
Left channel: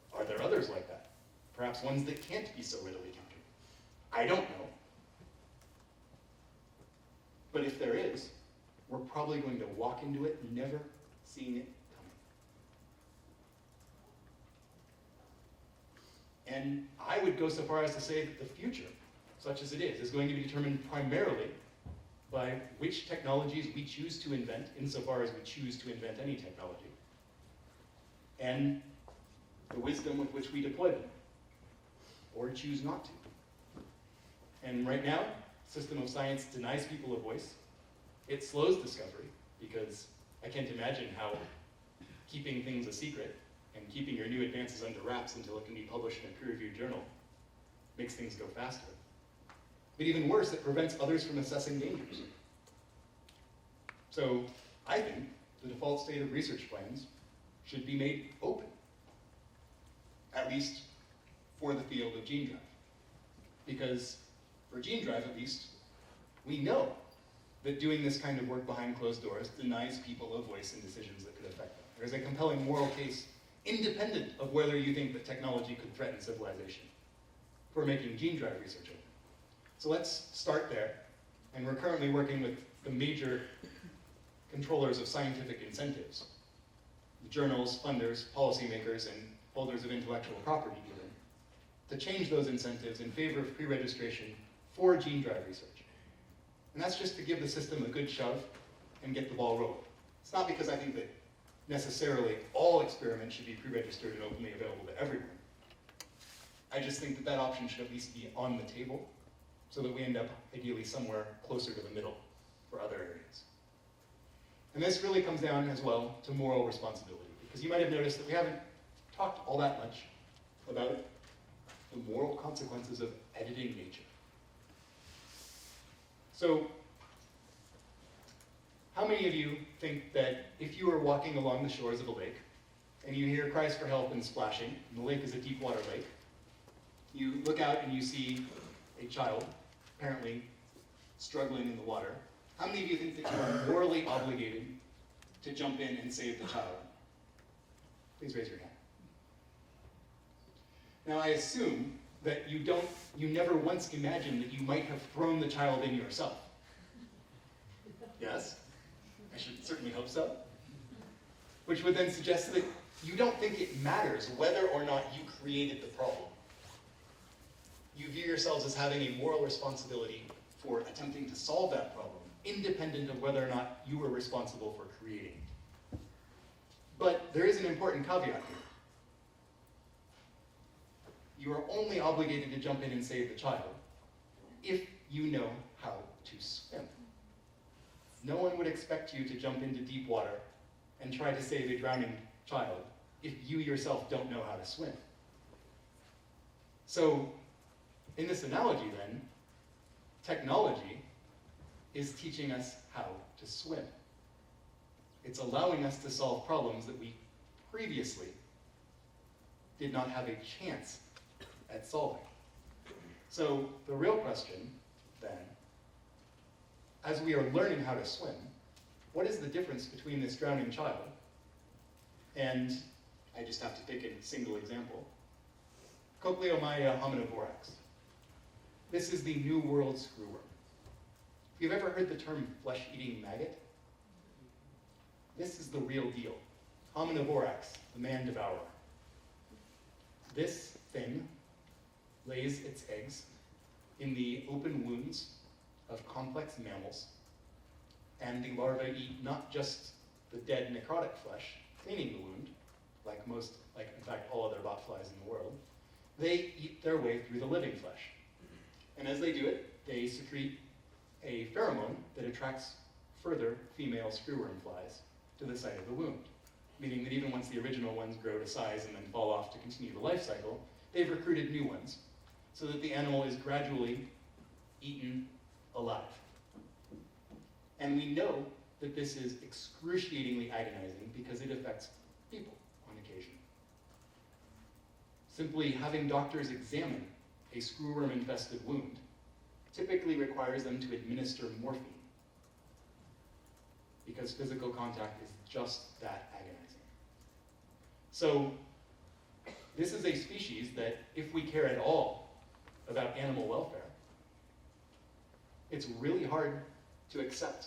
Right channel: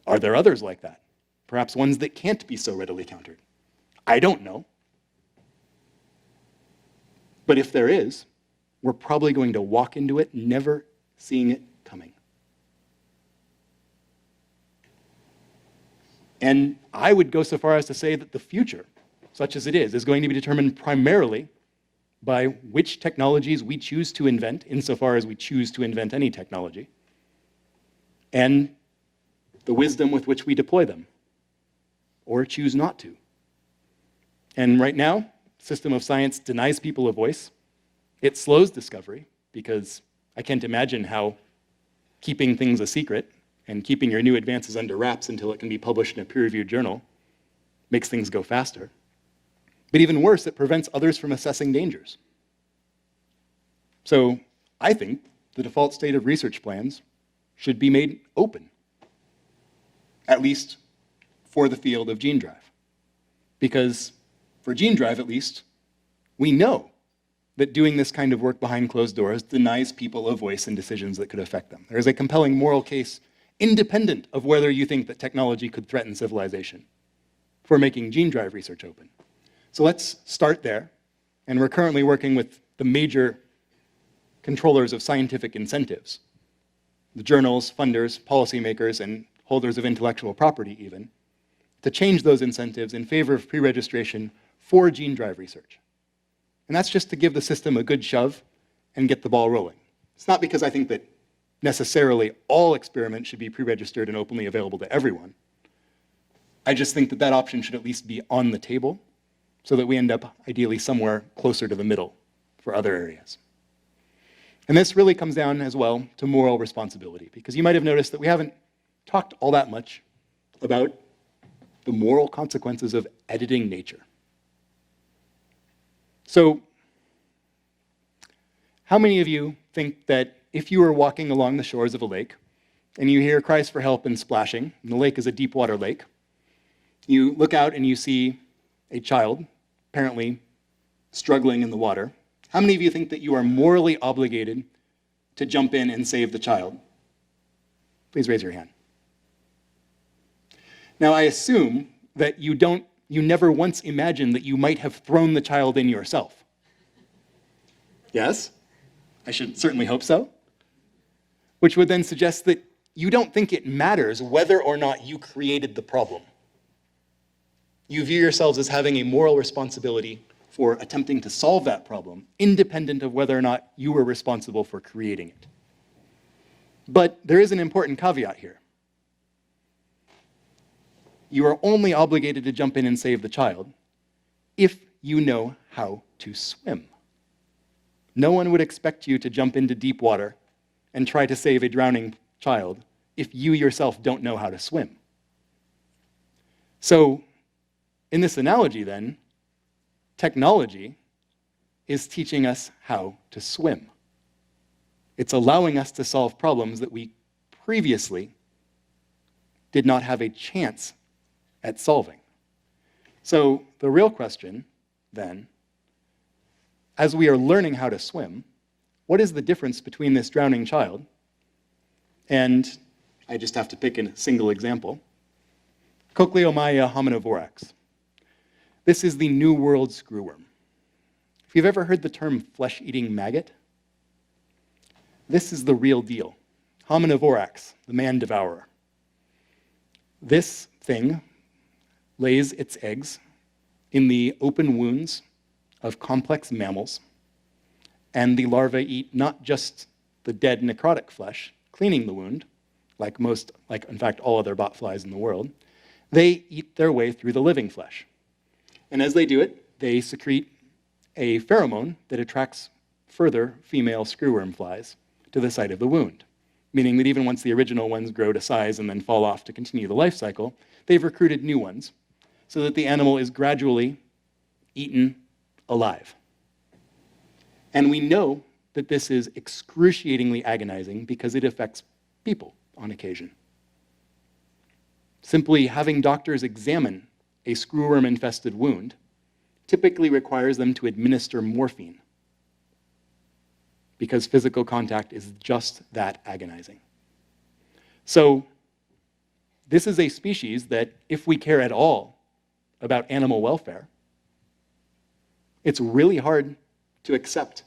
Are there others like that? Perhaps ones that can't be so readily countered? I don't know. But if there is, we're probably going to walk into it never seeing it coming. And I would go so far as to say that the future, such as it is going to be determined primarily by which technologies we choose to invent, insofar as we choose to invent any technology, and the wisdom with which we deploy them, or choose not to. And right now, the system of science denies people a voice. It slows discovery, because I can't imagine how keeping things a secret and keeping your new advances under wraps until it can be published in a peer-reviewed journal makes things go faster. But even worse, it prevents others from assessing dangers. So I think the default state of research plans should be made open, at least for the field of gene drive. Because for gene drive, at least, we know that doing this kind of work behind closed doors denies people a voice in decisions that could affect them. There is a compelling moral case, independent of whether you think that technology could threaten civilization, for making gene drive research open. So let's start there. And we're currently working with the major controllers of scientific incentives, the journals, funders, policymakers, and holders of intellectual property even, to change those incentives in favor of pre-registration for gene drive research. And that's just to give the system a good shove and get the ball rolling. It's not because I think that necessarily all experiments should be pre-registered and openly available to everyone. I just think that that option should at least be on the table so that we end up ideally somewhere closer to the middle for other areas. And this really comes down as well to moral responsibility, because you might have noticed that we haven't talked all that much about the moral consequences of editing nature. So, how many of you think that if you were walking along the shores of a lake and you hear cries for help and splashing, and the lake is a deep water lake, you look out and you see a child apparently struggling in the water, how many of you think that you are morally obligated to jump in and save the child? Please raise your hand. Now, I assume that you never once imagined that you might have thrown the child in yourself. Yes? I should certainly hope so. Which would then suggest that you don't think it matters whether or not you created the problem. You view yourselves as having a moral responsibility for attempting to solve that problem, independent of whether or not you were responsible for creating it. But there is an important caveat here. You are only obligated to jump in and save the child if you know how to swim. No one would expect you to jump into deep water and try to save a drowning child if you yourself don't know how to swim. So, in this analogy then, technology is teaching us how to swim. It's allowing us to solve problems that we previously did not have a chance at solving. So the real question, then, as we are learning how to swim, what is the difference between this drowning child and, I just have to pick a single example, Cochleomyia hominivorax. This is the New World Screwworm. If you've ever heard the term flesh-eating maggot, this is the real deal. Hominivorax, the man-devourer. This thing lays its eggs in the open wounds of complex mammals, and the larvae eat not just the dead necrotic flesh, cleaning the wound, like in fact all other botflies in the world, they eat their way through the living flesh. And as they do it, they secrete a pheromone that attracts further female screwworm flies to the site of the wound, meaning that even once the original ones grow to size and then fall off to continue the life cycle, they've recruited new ones so that the animal is gradually eaten alive. And we know that this is excruciatingly agonizing because it affects people on occasion. Simply having doctors examine a screwworm-infested wound typically requires them to administer morphine because physical contact is just that agonizing. So this is a species that, if we care at all about animal welfare, it's really hard to accept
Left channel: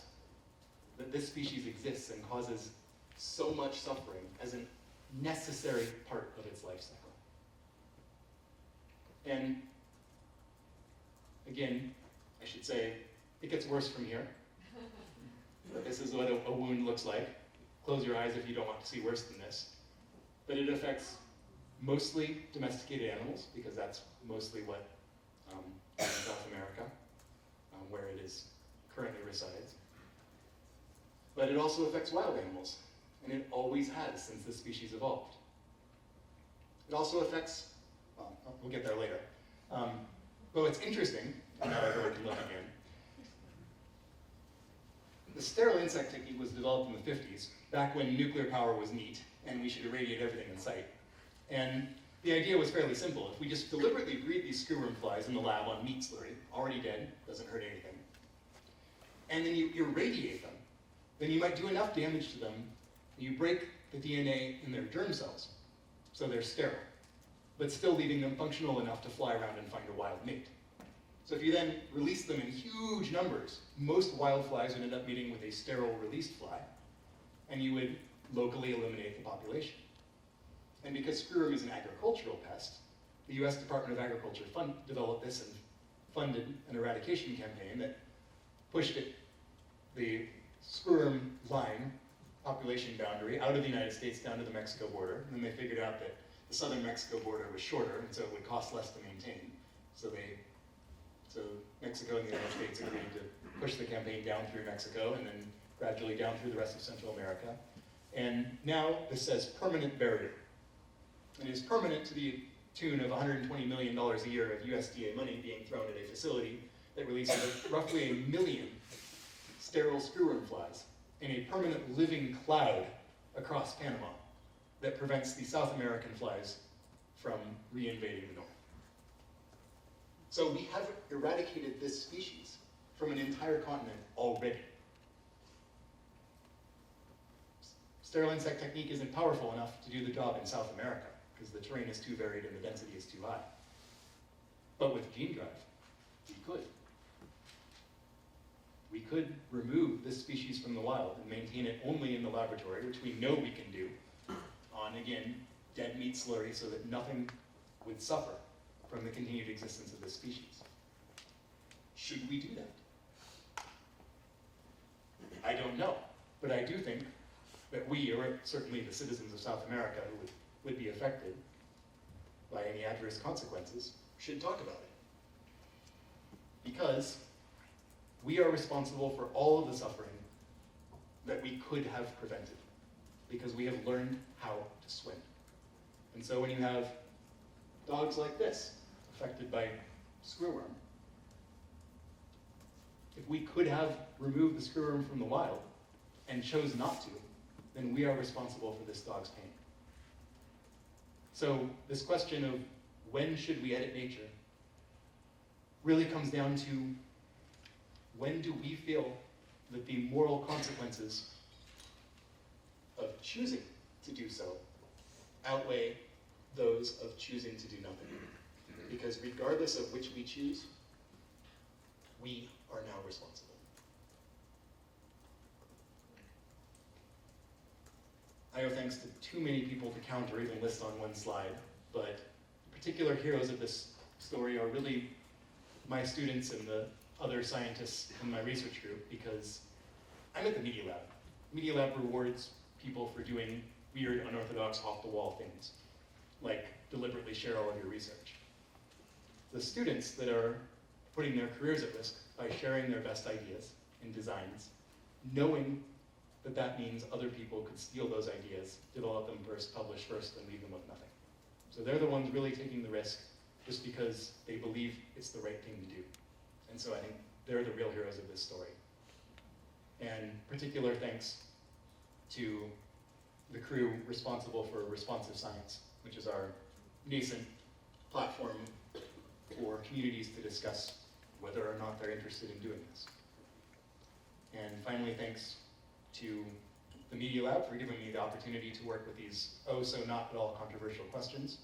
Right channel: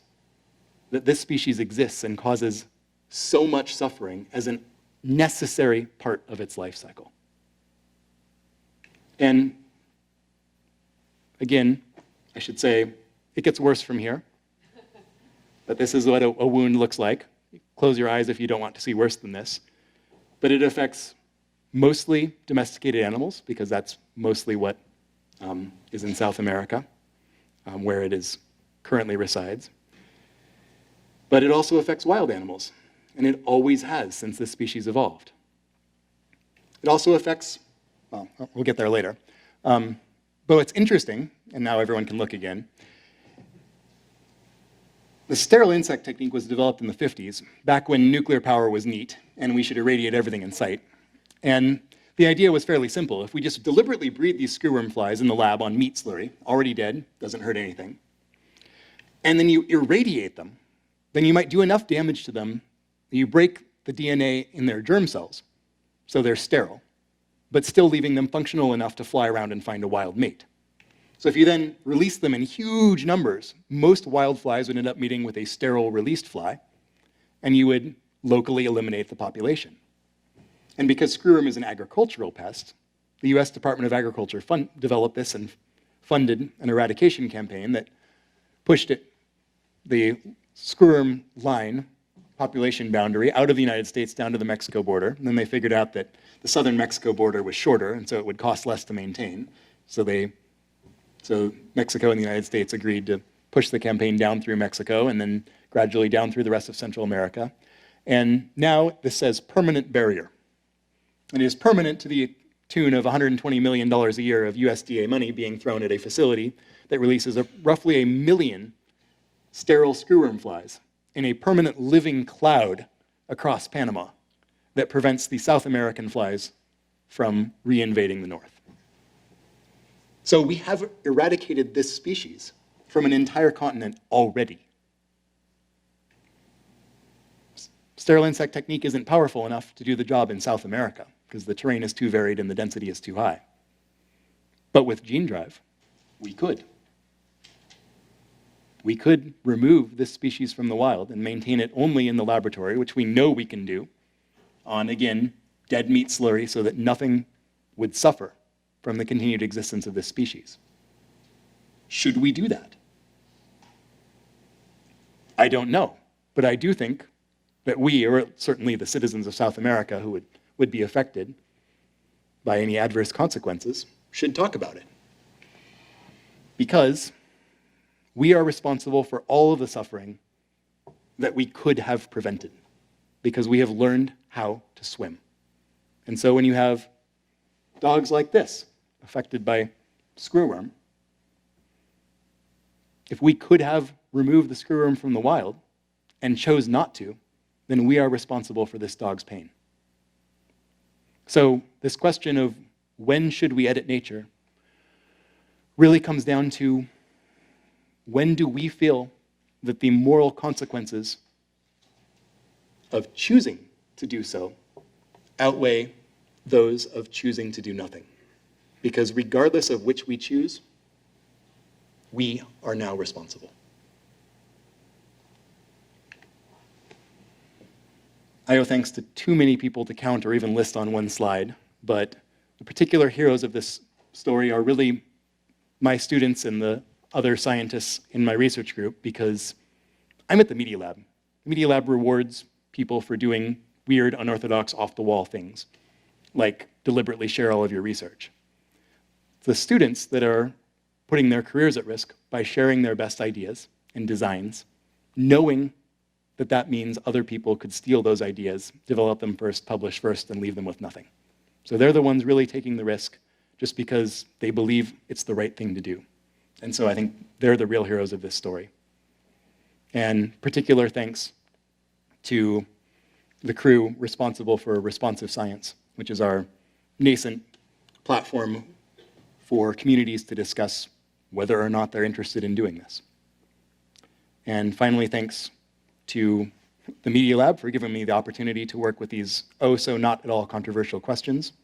that this species exists and causes so much suffering as a necessary part of its life cycle. And again, I should say, it gets worse from here. But this is what a wound looks like. Close your eyes if you don't want to see worse than this. but it affects mostly domesticated animals, because that's mostly what is in South America, where it is currently resides. But it also affects wild animals, and it always has since this species evolved. It also affects, well, we'll get there later. But what's interesting, and now everyone can look again, the sterile insect technique was developed in the 50s, back when nuclear power was neat, and we should irradiate everything in sight. And the idea was fairly simple. If we just deliberately breed these screwworm flies in the lab on meat slurry, already dead, doesn't hurt anything, and then you irradiate them, then you might do enough damage to them that you break the DNA in their germ cells, so they're sterile, but still leaving them functional enough to fly around and find a wild mate. So if you then release them in huge numbers, most wild flies would end up meeting with a sterile released fly, and you would locally eliminate the population. And because screwworm is an agricultural pest, the US Department of Agriculture developed this and funded an eradication campaign that pushed the screwworm line population boundary out of the United States down to the Mexico border. And then they figured out that the southern Mexico border was shorter, and so it would cost less to maintain. So Mexico and the United States agreed to push the campaign down through Mexico and then gradually down through the rest of Central America. And now this says permanent barrier. And it is permanent to the tune of $120 million a year of USDA money being thrown at a facility that releases roughly 1 million sterile screwworm flies in a permanent living cloud across Panama that prevents the South American flies from reinvading the north. So we have eradicated this species from an entire continent already. Sterile insect technique isn't powerful enough to do the job in South America because the terrain is too varied and the density is too high. But with Gene Drive, we could. We could remove this species from the wild and maintain it only in the laboratory, which we know we can do on, again, dead meat slurry so that nothing would suffer from the continued existence of this species. Should we do that? I don't know, but I do think that we, or certainly the citizens of South America who would be affected by any adverse consequences, should talk about it. Because we are responsible for all of the suffering that we could have prevented, because we have learned how to swim. And so when you have dogs like this, affected by screwworm, if we could have removed the screwworm from the wild and chose not to, then we are responsible for this dog's pain. So this question of when should we edit nature really comes down to when do we feel that the moral consequences of choosing to do so outweigh those of choosing to do nothing. Because regardless of which we choose, we are now responsible. I owe thanks to too many people to count or even list on one slide, but the particular heroes of this story are really my students and the other scientists in my research group, because I'm at the Media Lab. The Media Lab rewards people for doing weird, unorthodox, off-the-wall things, like deliberately share all of your research. The students that are putting their careers at risk by sharing their best ideas and designs, knowing that that means other people could steal those ideas, develop them first, publish first, and leave them with nothing. So they're the ones really taking the risk just because they believe it's the right thing to do. And so I think they're the real heroes of this story. And particular thanks to the crew responsible for Responsive Science, which is our nascent platform for communities to discuss whether or not they're interested in doing this. And finally, thanks to the Media Lab for giving me the opportunity to work with these not at all controversial questions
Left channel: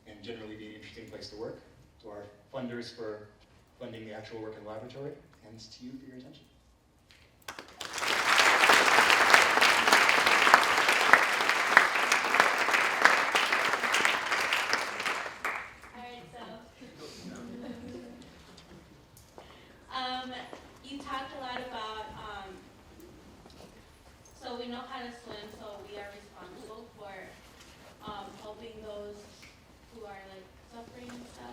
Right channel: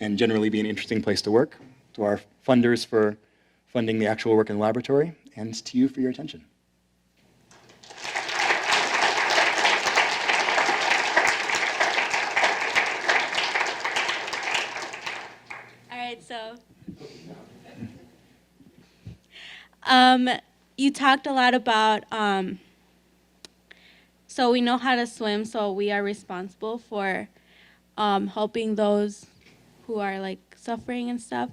and generally be an interesting place to work, to our funders for funding the actual work in the laboratory, and to you for your attention. All right, so you talked a lot about, so we know how to swim, so we are responsible for helping those who are like suffering and stuff.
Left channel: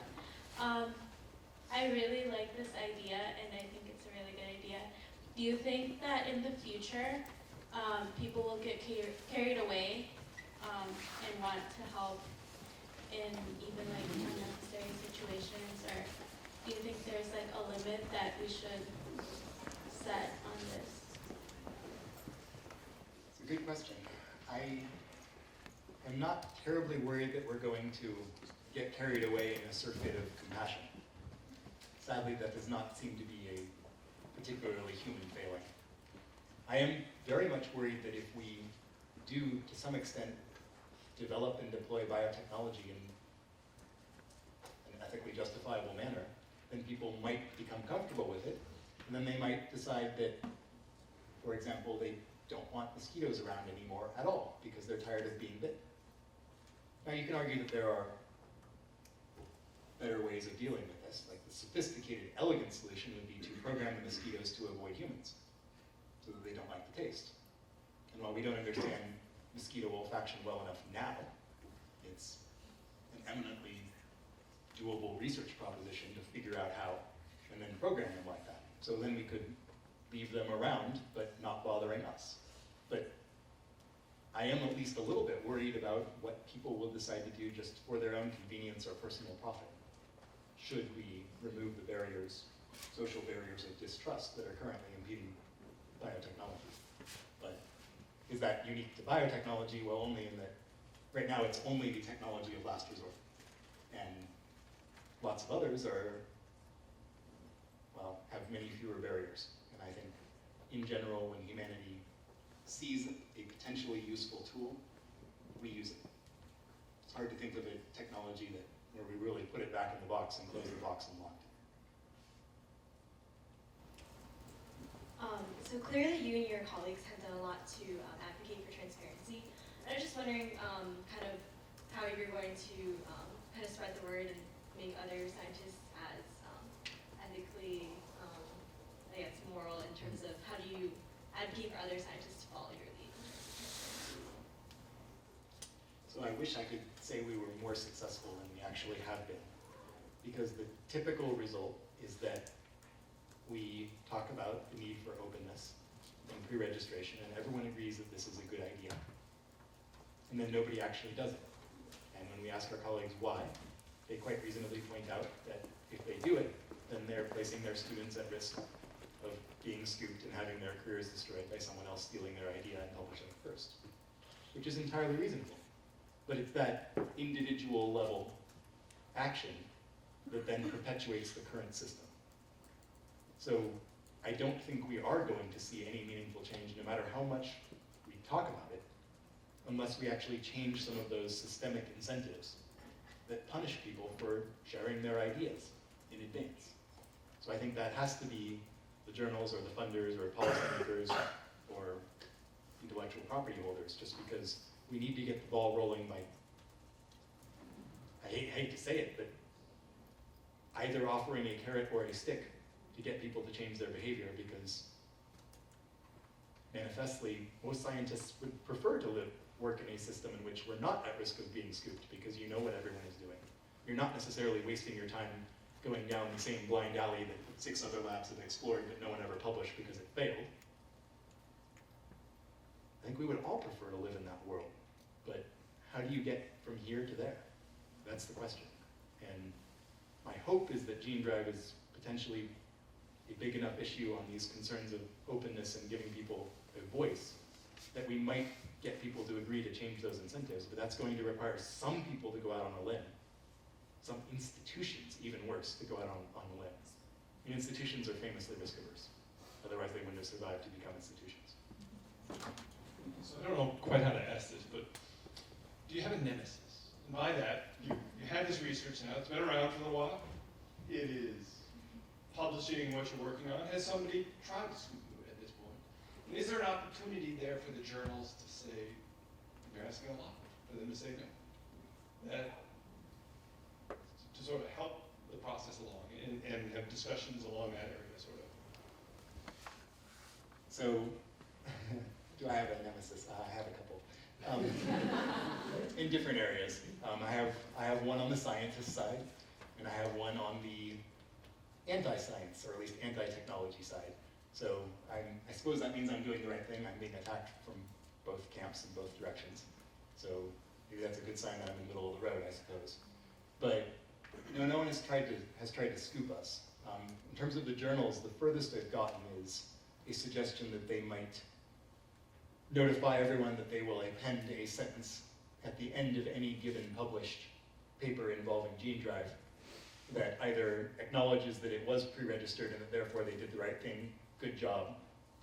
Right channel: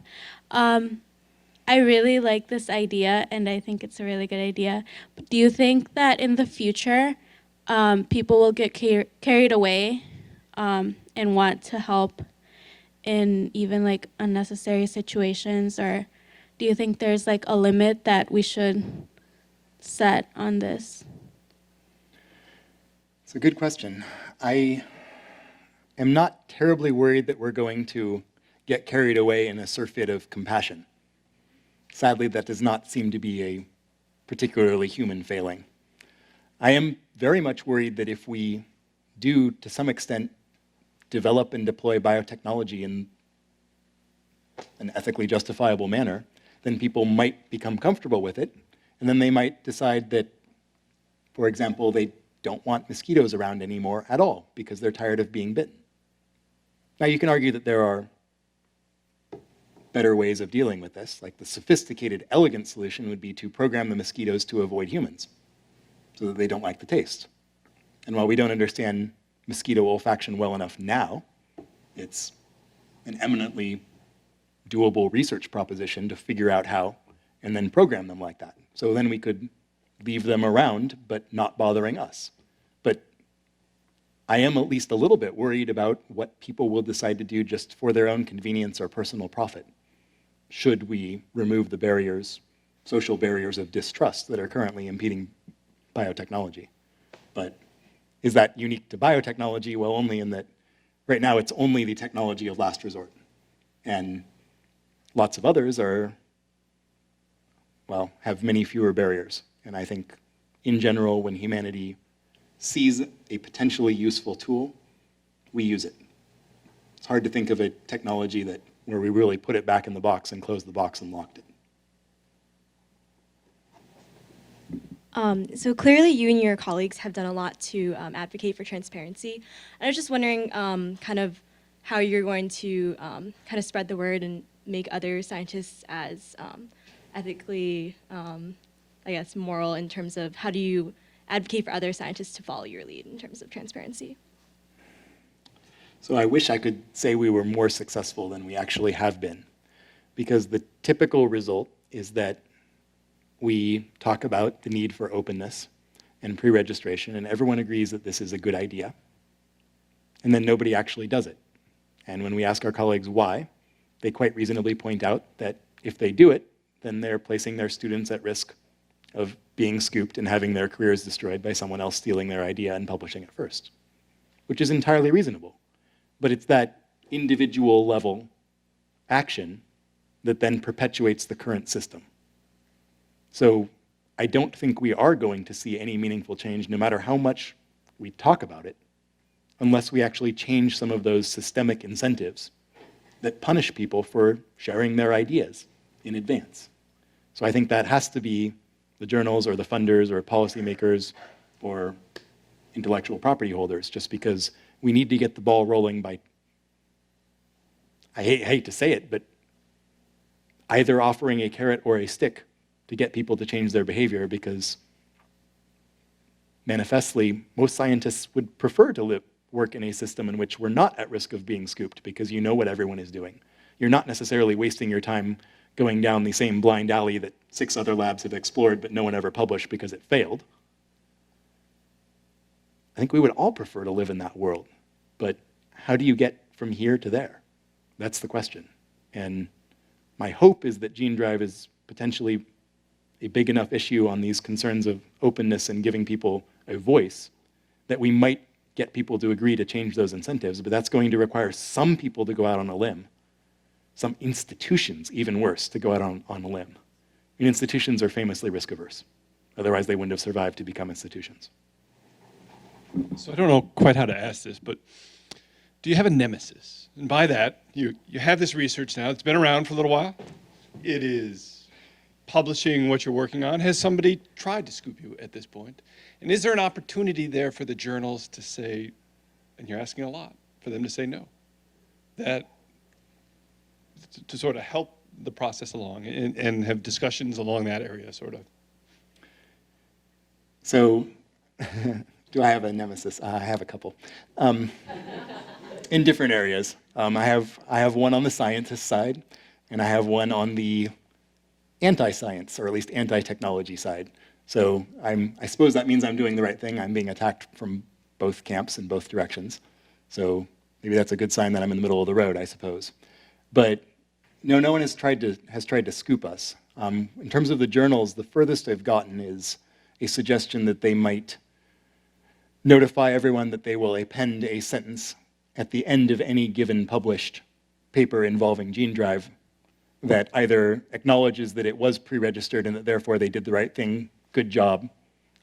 I really like this idea, and I think it's a really good idea. But do you think that in the future, people will get carried away and want to help in even like unnecessary situations, or do you think there's like a limit that we should set on this? It's a good question. I am not terribly worried that we're going to get carried away in a surfeit of compassion. Sadly, that does not seem to be a particularly human failing. I am very much worried that if we do, to some extent, develop and deploy biotechnology in an ethically justifiable manner, then people might become comfortable with it, and then they might decide that, for example, they don't want mosquitoes around anymore at all because they're tired of being bitten. Now, you can argue that there are better ways of dealing with this. Like the sophisticated, elegant solution would be to program the mosquitoes to avoid humans so that they don't like the taste. And while we don't understand mosquito olfaction well enough now, it's an eminently doable research proposition to figure out how and then program them like that. So then we could leave them around, but not bothering us. But I am at least a little bit worried about what people will decide to do just for their own convenience or personal profit, should we remove the barriers, social barriers of distrust that are currently impeding biotechnology. But is that unique to biotechnology? Well, only in that right now it's only the technology of last resort. And lots of others are, well, have many fewer barriers. And I think, in general, when humanity sees a potentially useful tool, we use it. It's hard to think of a technology where we really put it back in the box and closed the box and locked it. So clearly you and your colleagues have done a lot to advocate for transparency. I was just wondering kind of how you're going to kind of spread the word and make other scientists as ethically, I guess, moral in terms of how do you advocate for other scientists to follow your lead in terms of transparency? So I wish I could say we were more successful than we actually have been, because the typical result is that we talk about the need for openness and pre-registration, and everyone agrees that this is a good idea, and then nobody actually does it. And when we ask our colleagues why, they quite reasonably point out that if they do it, then they're placing their students at risk of being scooped and having their careers destroyed by someone else stealing their idea and publishing it first, which is entirely reasonable. But it's that individual level action that then perpetuates the current system. So I don't think we are going to see any meaningful change, no matter how much we talk about it, unless we actually change some of those systemic incentives that punish people for sharing their ideas in advance. So I think that has to be the journals or the funders or policymakers or intellectual property holders, just because we need to get the ball rolling by, I hate to say it, but either offering a carrot or a stick to get people to change their behavior, because manifestly, most scientists would prefer to work in a system in which we're not at risk of being scooped, because you know what everyone is doing. You're not necessarily wasting your time going down the same blind alley that 6 other labs have explored but no one ever published because it failed. I think we would all prefer to live in that world, but how do you get from here to there? That's the question. And my hope is that Gene Drive is potentially a big enough issue on these concerns of openness and giving people a voice that we might get people to agree to change those incentives, but that's going to require some people to go out on a limb, some institutions, even worse, to go out on a limb. I mean, institutions are famously risk averse. Otherwise, they wouldn't have survived to become institutions. So I don't know quite how to ask this, but do you have a nemesis? And by that, you have this research now. It's been around for a little while. It is publishing what you're working on. Has somebody tried to scoop you at this point? And is there an opportunity there for the journals to say, and you're asking a lot, for them to say no? That to sort of help the process along and have discussions along that area, sort of. So, do I have a nemesis? I have a couple. in different areas. I have one on the scientist side, and I have one on the anti-science, or at least anti-technology side. So I suppose that means I'm doing the right thing. I'm being attacked from both camps in both directions. So maybe that's a good sign that I'm in the middle of the road, I suppose. But no one has tried to scoop us. In terms of the journals, the furthest I've gotten is a suggestion that they might notify everyone that they will append a sentence at the end of any given published paper involving Gene Drive that either acknowledges that it was pre-registered and that therefore they did the right thing, good job,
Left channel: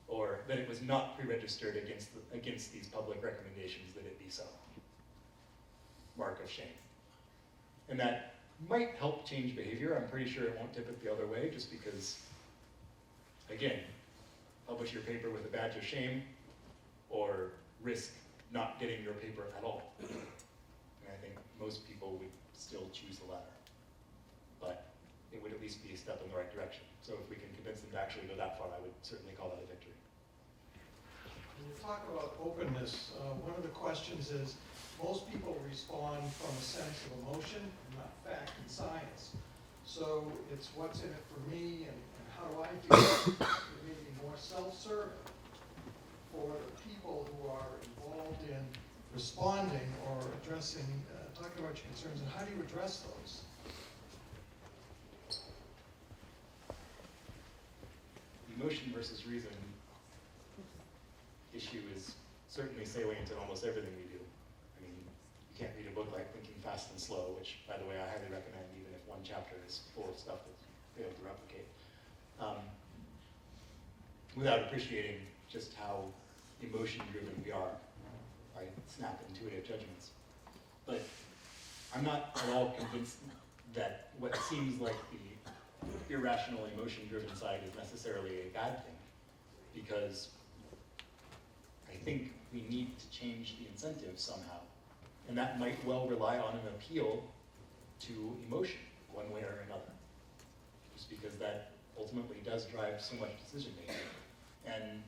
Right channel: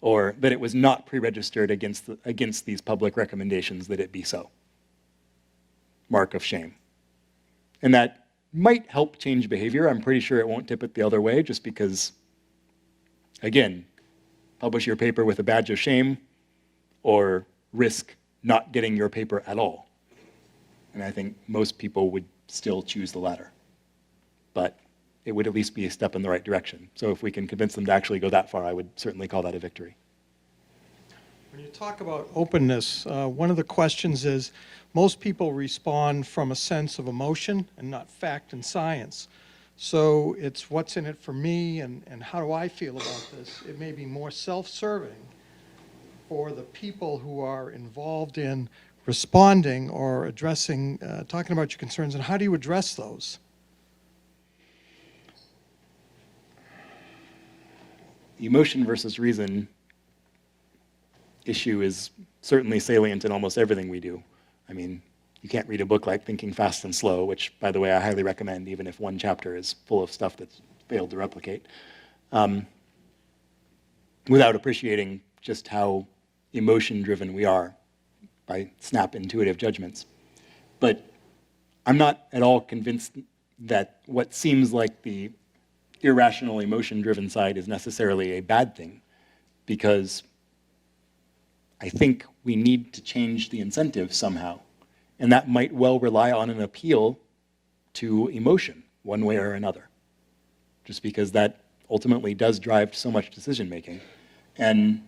or that it was not pre-registered against these public recommendations that it be so. Mark of shame. And that might help change behavior. I'm pretty sure it won't tip it the other way, just because, again, publish your paper with a badge of shame or risk not getting your paper at all. And I think most people would still choose the latter. But it would at least be a step in the right direction. So if we can convince them to actually go that far, I would certainly call that a victory. When you talk about openness, one of the questions is, most people respond from a sense of emotion and not fact and science. So it's what's in it for me and how do I feel about this? It may be more self-serving for the people who are involved in responding or addressing, talking about your concerns, and how do you address those? The emotion versus reason issue is certainly salient in almost everything we do. I mean, you can't read a book like Thinking Fast and Slow, which, by the way, I highly recommend, even if one chapter is full of stuff that's failed to replicate, without appreciating just how emotion-driven we are by snap intuitive judgments. But I'm not at all convinced that what seems like the irrational, emotion-driven side is necessarily a bad thing, because I think we need to change the incentive somehow. And that might well rely on an appeal to emotion, one way or another, just because that ultimately does drive so much decision-making. And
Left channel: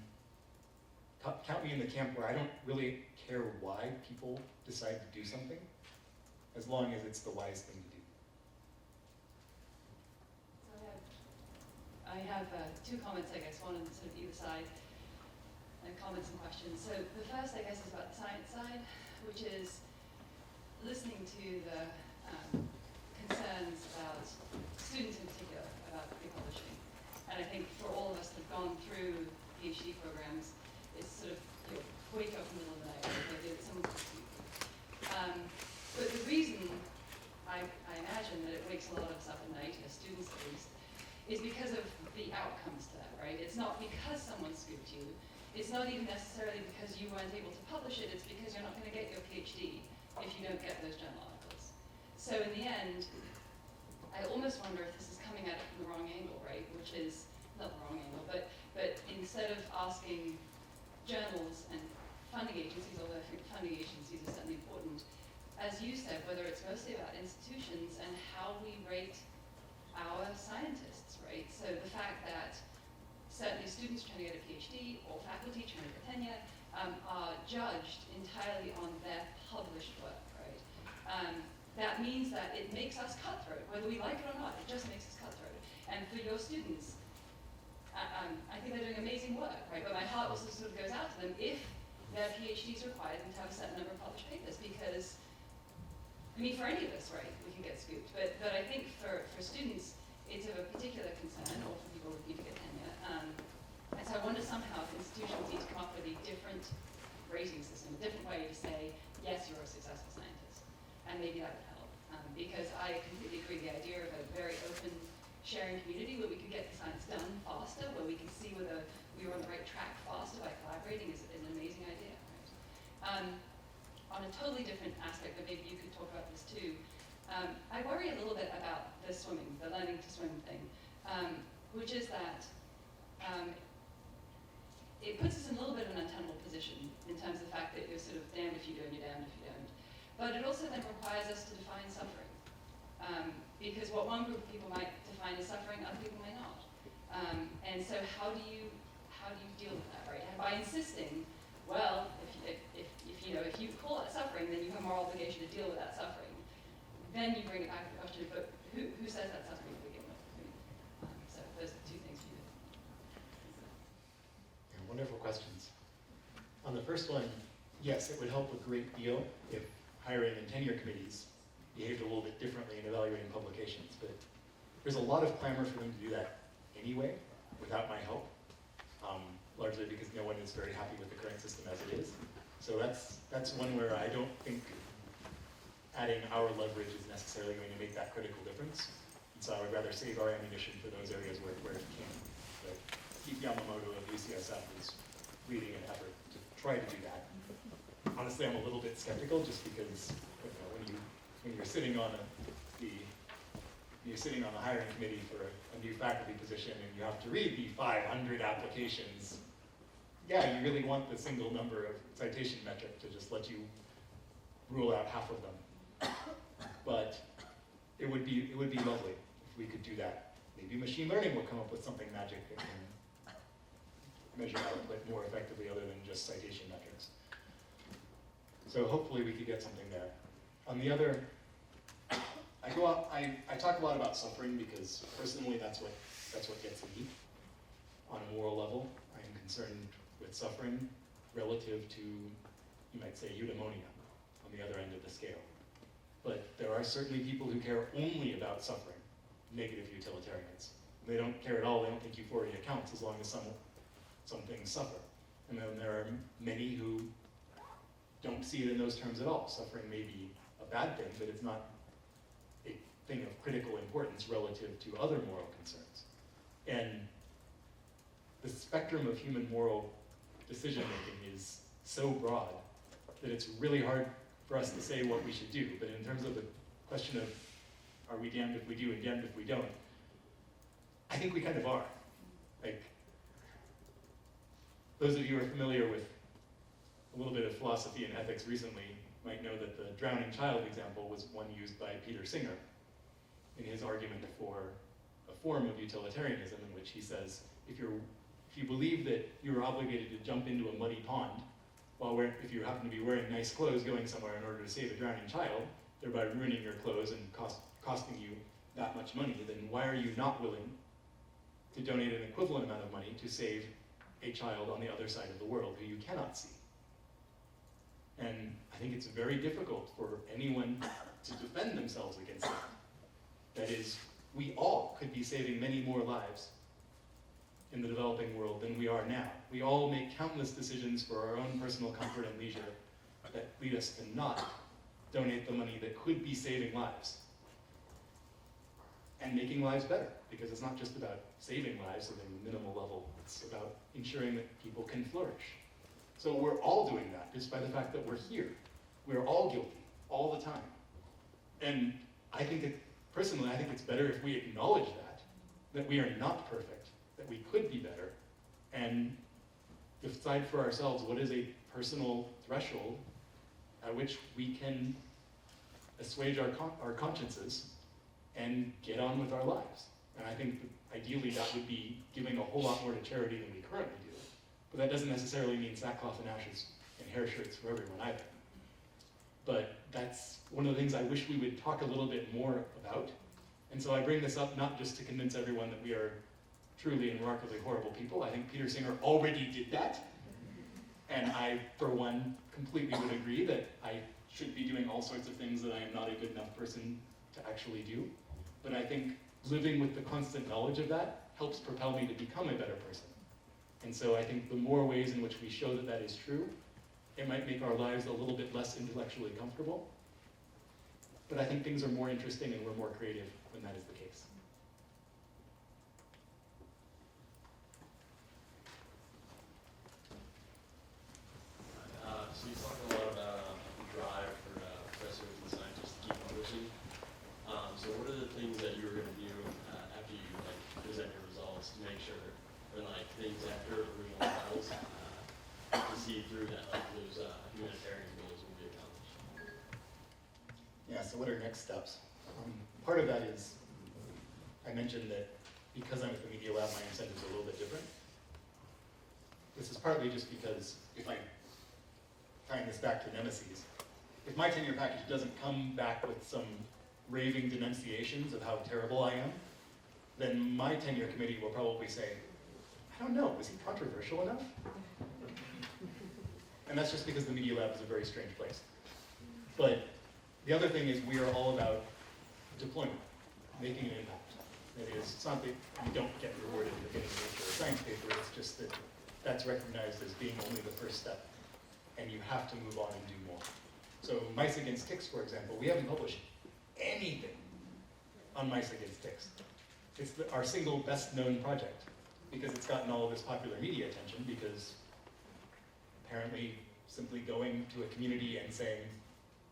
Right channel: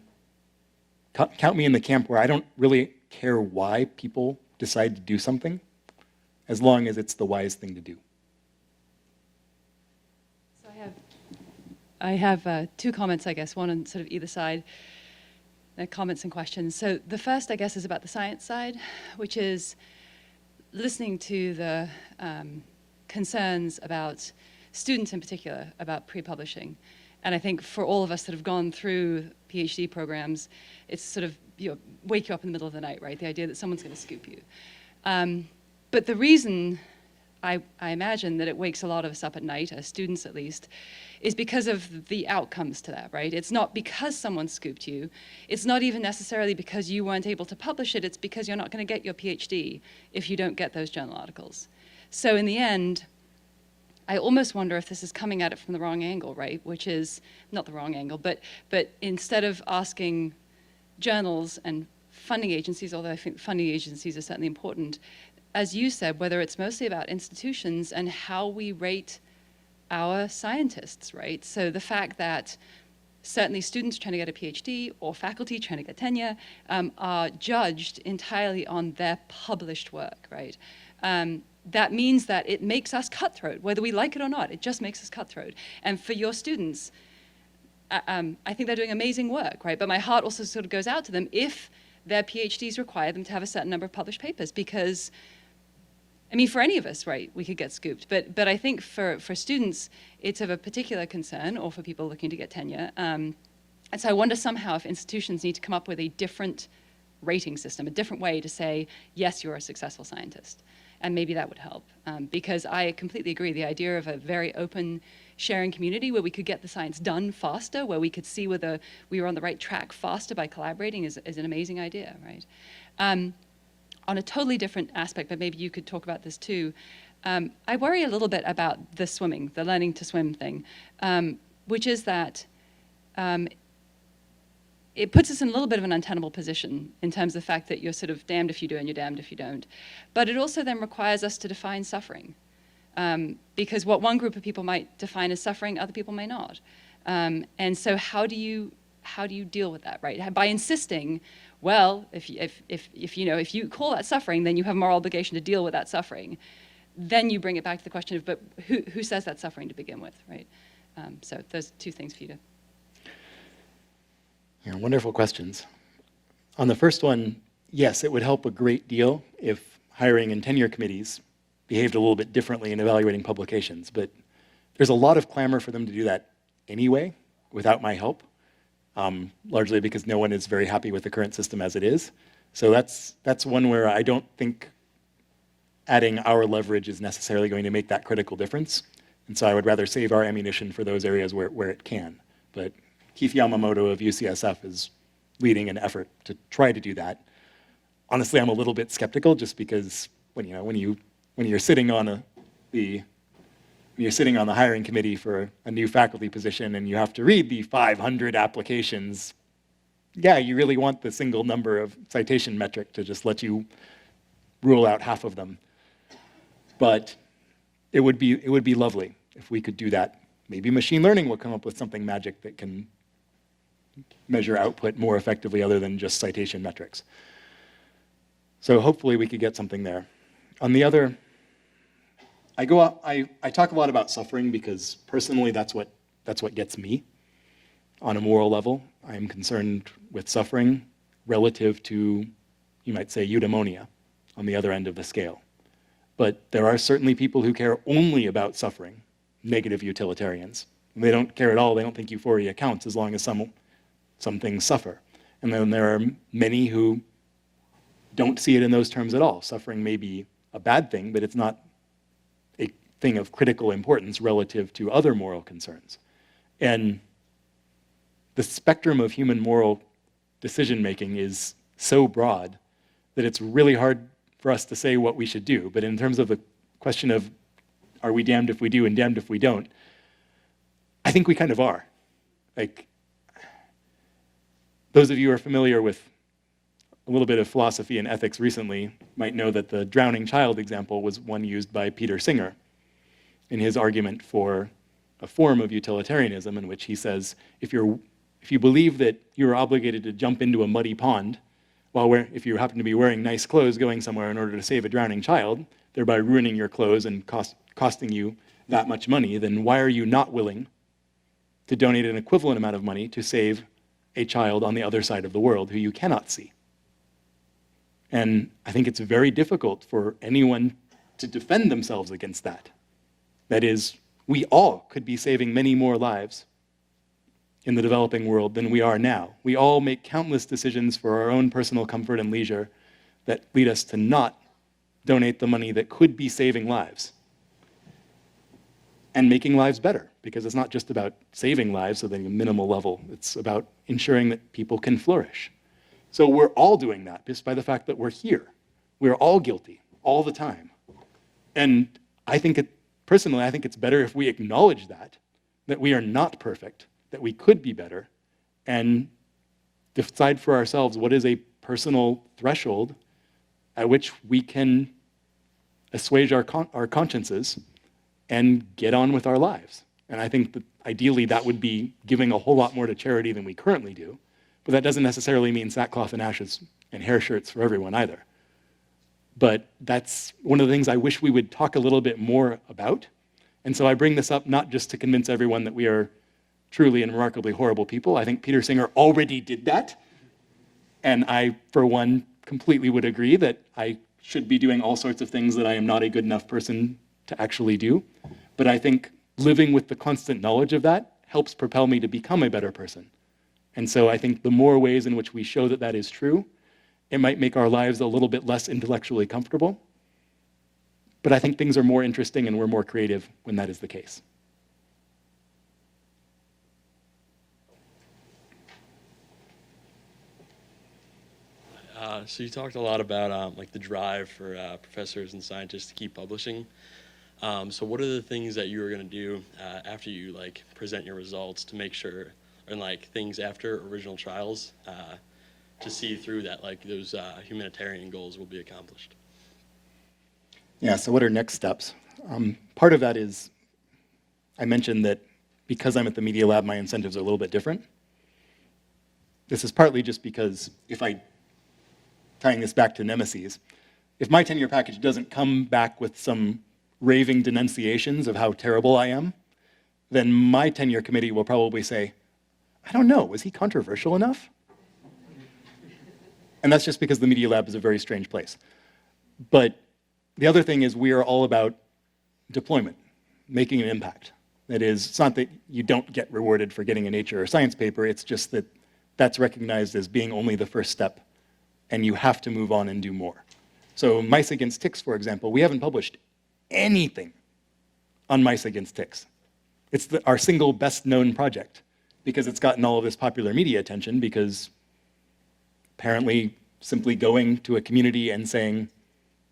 count me in the camp where I don't really care why people decide to do something, as long as it's the wise thing to do. So I have two comments, I guess, one on sort of either side, comments and questions. So the first, I guess, is about the science side, which is listening to the concerns about students in particular about pre-publishing. And I think for all of us that have gone through PhD programs, it's sort of, wake you up in the middle of the night, right? The idea that someone's going to scoop you. But the reason I imagine that it wakes a lot of us up at night, as students at least, is because of the outcomes to that, right? It's not because someone scooped you. It's not even necessarily because you weren't able to publish it. It's because you're not going to get your PhD if you don't get those journal articles. So in the end, I almost wonder if this is coming at it from the wrong angle, right? Which is, not the wrong angle, but instead of asking journals and funding agencies, although I think funding agencies are certainly important, as you said, whether it's mostly about institutions and how we rate our scientists, right? So the fact that certainly students trying to get a PhD or faculty trying to get tenure are judged entirely on their published work, right? That means that it makes us cutthroat, whether we like it or not. It just makes us cutthroat. And for your students, I think they're doing amazing work, right? But my heart also sort of goes out to them if their PhDs require them to have a certain number of published papers, because, I mean, for any of us, right, we could get scooped. But I think for students, it's of a particular concern, or for people looking to get tenure. And so I wonder somehow if institutions need to come up with a different rating system, a different way to say, yes, you're a successful scientist. And maybe that would help. Because I completely agree, the idea of a very open sharing community where we could get the science done faster, where we could see whether we were on the right track faster by collaborating is an amazing idea, right? On a totally different aspect, but maybe you could talk about this too, I worry a little bit about the swimming, the learning to swim thing, which is that it puts us in a little bit of an untenable position in terms of the fact that you're sort of damned if you do and you're damned if you don't. But it also then requires us to define suffering. Because what one group of people might define as suffering, other people may not. And so how do you deal with that, right? By insisting well, if you call that suffering, then you have a moral obligation to deal with that suffering. Then you bring it back to the question of, but who says that's suffering to begin with, right? So those two things for you to. Yeah, wonderful questions. On the first one, yes, it would help a great deal if hiring and tenure committees behaved a little bit differently in evaluating publications, but there's a lot of clamor for them to do that anyway, without my help, largely because no one is very happy with the current system as it is. So that's one where I don't think adding our leverage is necessarily going to make that critical difference. And so I would rather save our ammunition for those areas where it can. But Keith Yamamoto of UCSF is leading an effort to try to do that. Honestly, I'm a little bit skeptical just because when you're sitting on the hiring committee for a new faculty position and you have to read the 500 applications, yeah, you really want the single number of citation metric to just let you rule out half of them. But it would be lovely if we could do that. Maybe machine learning will come up with something magic that can measure output more effectively other than just citation metrics. So hopefully we could get something there. On the other, I talk a lot about suffering because personally that's what gets me on a moral level. I am concerned with suffering relative to, you might say, eudaimonia on the other end of the scale. But there are certainly people who care only about suffering, negative utilitarians. They don't care at all. They don't think euphoria counts as long as some things suffer. And then there are many who don't see it in those terms at all. Suffering may be a bad thing, but it's not a thing of critical importance relative to other moral concerns. And the spectrum of human moral decision-making is so broad that it's really hard for us to say what we should do. But in terms of the question of are we damned if we do and damned if we don't, I think we kind of are. Like, those of you who are familiar with a little bit of philosophy and ethics recently might know that the drowning child example was one used by Peter Singer in his argument for a form of utilitarianism in which he says, if you believe that you're obligated to jump into a muddy pond, if you happen to be wearing nice clothes going somewhere in order to save a drowning child, thereby ruining your clothes and costing you that much money, then why are you not willing to donate an equivalent amount of money to save a child on the other side of the world who you cannot see? And I think it's very difficult for anyone to defend themselves against that. That is, we all could be saving many more lives in the developing world than we are now. We all make countless decisions for our own personal comfort and leisure that lead us to not donate the money that could be saving lives and making lives better, because it's not just about saving lives at a minimal level. It's about ensuring that people can flourish. So we're all doing that just by the fact that we're here. We're all guilty all the time. And personally, I think it's better if we acknowledge that we are not perfect, that we could be better, and decide for ourselves what is a personal threshold at which we can assuage our consciences and get on with our lives. And I think that ideally that would be giving a whole lot more to charity than we currently do, but that doesn't necessarily mean sackcloth and ashes and hair shirts for everyone either. But that's one of the things I wish we would talk a little bit more about. And so I bring this up not just to convince everyone that we are truly and remarkably horrible people. I think Peter Singer already did that. And I, for one, completely would agree that I should be doing all sorts of things that I am not a good enough person to actually do. But I think living with the constant knowledge of that helps propel me to become a better person. And so I think the more ways in which we show that that is true, it might make our lives a little bit less intellectually comfortable. But I think things are more interesting and we're more creative when that is the case. So you talked a lot about like the drive for professors and scientists to keep publishing. So what are the things that you are going to do after you like present your results to make sure, and like things after original trials to see through that like those humanitarian goals will be accomplished? Yeah, so what are next steps? Part of that is, I mentioned that because I'm at the Media Lab, my incentives are a little bit different. This is partly just because if I tying this back to nemesis, if my tenure package doesn't come back with some raving denunciations of how terrible I am, then my tenure committee will probably say, I don't know, is he controversial enough? And that's just because the Media Lab is a very strange place. But the other thing is we are all about deployment, making an impact. That is, it's not that you don't get rewarded for getting a Nature or Science paper, it's just that that's recognized as being only the first step, and you have to move on and do more. So mice against ticks, for example, we haven't published anything on mice against ticks. It's our single best known project because it's gotten all of this popular media attention because apparently simply going to a community and saying,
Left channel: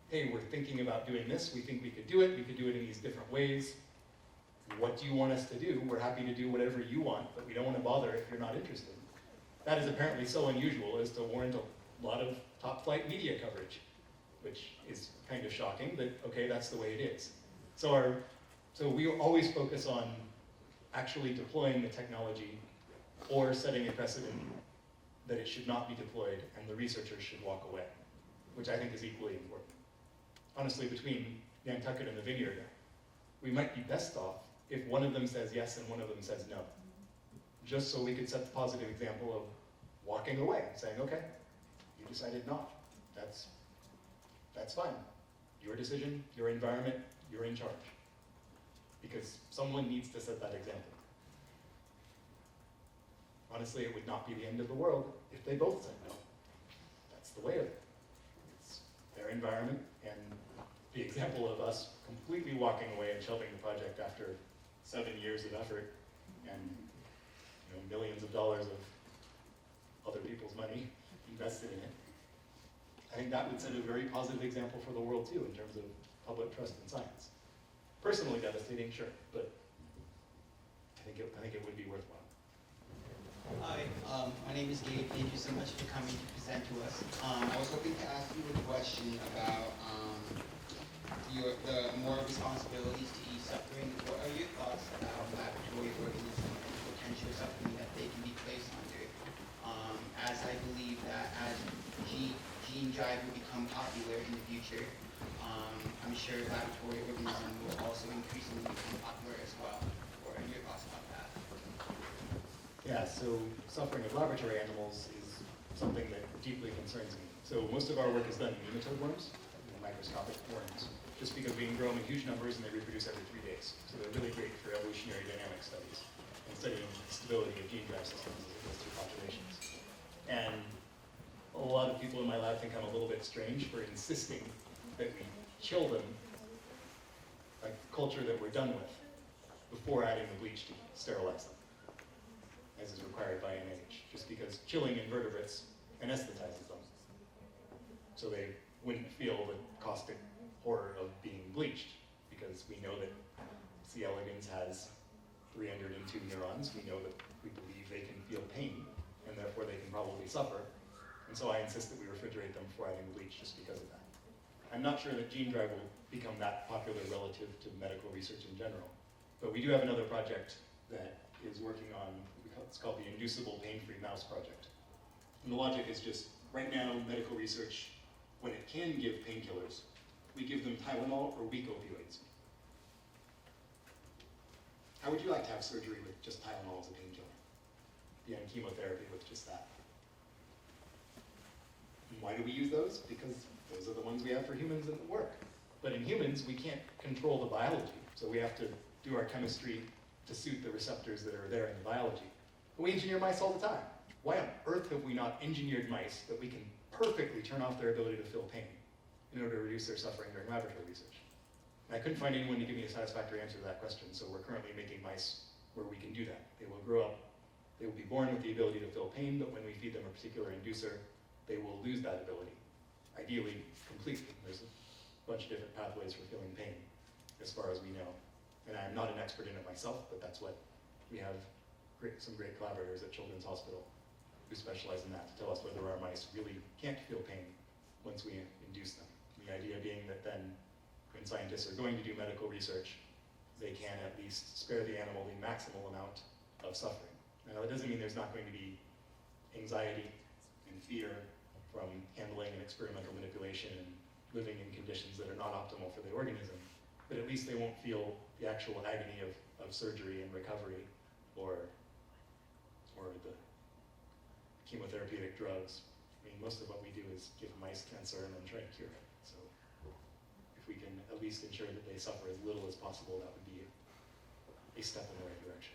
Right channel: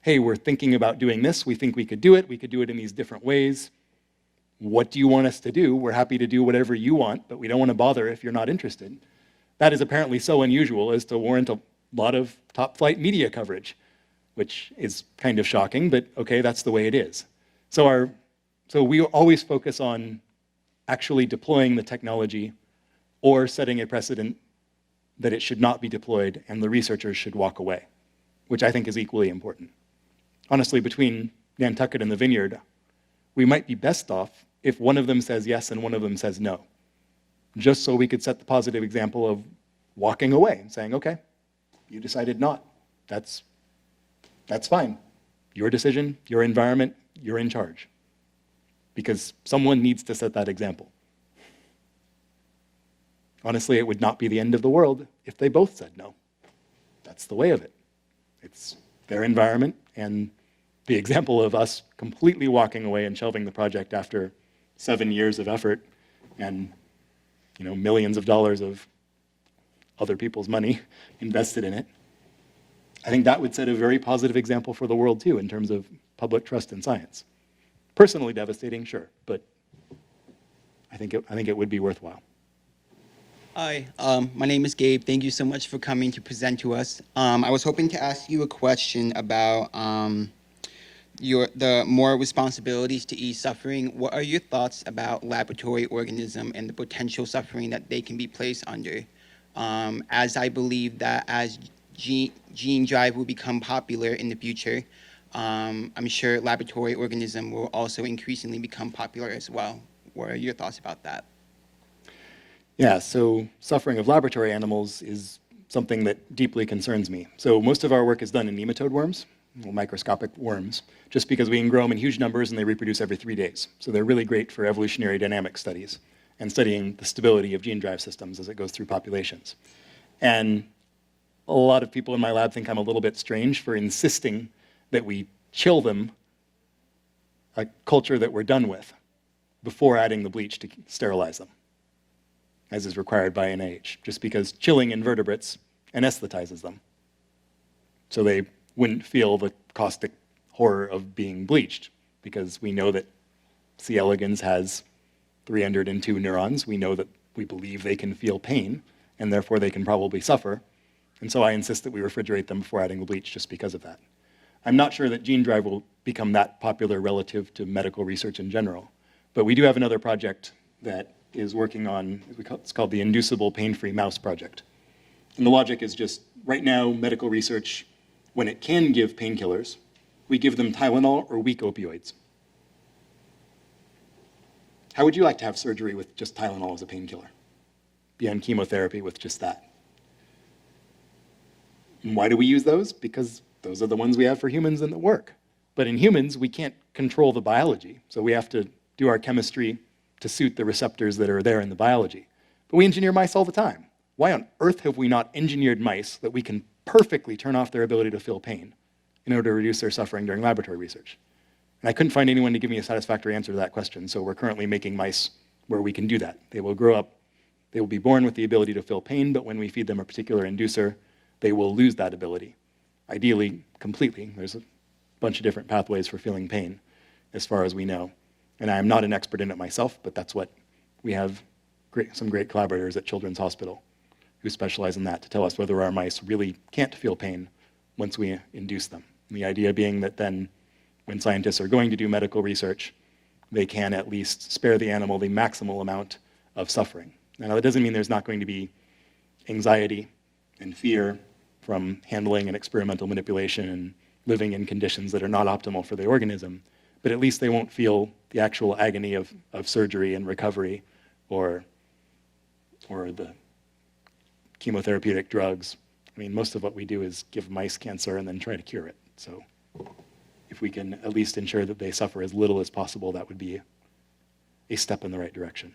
hey, we're thinking about doing this, we think we could do it in these different ways. What do you want us to do? We're happy to do whatever you want, but we don't want to bother if you're not interested. That is apparently so unusual as to warrant a lot of top-flight media coverage, which is kind of shocking, but okay, that's the way it is. So we always focus on actually deploying the technology or setting a precedent that it should not be deployed and the researchers should walk away, which I think is equally important. Honestly, between Nantucket and the Vineyard, we might be best off if one of them says yes and one of them says no, just so we could set the positive example of walking away, saying, okay, you decided not. That's fine. Your decision, your environment, you're in charge. Because someone needs to set that example. Honestly, it would not be the end of the world if they both said no. That's the way of it. It's their environment, and the example of us completely walking away and shelving the project after 7 years of effort and millions of dollars of other people's money invested in it, I think that would set a very positive example for the world too in terms of public trust in science. Personally devastating, sure, but I think it would be worthwhile. Hi, my name is Gabe. Thank you so much for coming to present to us. I was hoping to ask you a question about the more responsibilities to ease suffering. What are your thoughts about laboratory organism and the potential suffering that they can be placed under? As I believe that as gene drive will become popular in the future, I'm sure laboratory organism will also increasingly become popular as well. What are your thoughts about that? Yeah, so suffering of laboratory animals is something that deeply concerns me. So most of our work is done in nematode worms, microscopic worms, just because we can grow them in huge numbers and they reproduce every 3 days. So they're really great for evolutionary dynamic studies and studying the stability of gene drive systems as it goes through populations. And a lot of people in my lab think I'm a little bit strange for insisting that we chill them, a culture that we're done with, before adding the bleach to sterilize them, as is required by NIH, just because chilling invertebrates anesthetizes them. So they wouldn't feel the caustic horror of being bleached, because we know that C. elegans has 302 neurons. We know that we believe they can feel pain, and therefore they can probably suffer. And so I insist that we refrigerate them before adding the bleach just because of that. I'm not sure that gene drive will become that popular relative to medical research in general, but we do have another project that is working on, it's called the Inducible Pain-Free Mouse Project. And the logic is just, right now, medical research, when it can give painkillers, we give them Tylenol or weak opioids. How would you like to have surgery with just Tylenol as a painkiller? Be on chemotherapy with just that. And why do we use those? Because those are the ones we have for humans and that work. But in humans, we can't control the biology, so we have to do our chemistry to suit the receptors that are there in the biology. But we engineer mice all the time. Why on earth have we not engineered mice that we can perfectly turn off their ability to feel pain in order to reduce their suffering during laboratory research? And I couldn't find anyone to give me a satisfactory answer to that question, so we're currently making mice where we can do that. They will grow up, they will be born with the ability to feel pain, but when we feed them a particular inducer, they will lose that ability. Ideally, completely. There's a bunch of different pathways for feeling pain, as far as we know. And I am not an expert in it myself, but that's what we have some great collaborators at Children's Hospital who specialize in that to tell us whether our mice really can't feel pain once we induce them. And the idea being that then when scientists are going to do medical research, they can at least spare the animal the maximal amount of suffering. Now, that doesn't mean there's not going to be anxiety and fear from handling and experimental manipulation and living in conditions that are not optimal for the organism, but at least they won't feel the actual agony of surgery and recovery or the chemotherapeutic drugs. I mean, most of what we do is give mice cancer and then try to cure it. So if we can at least ensure that they suffer as little as possible, that would be a step in the right direction.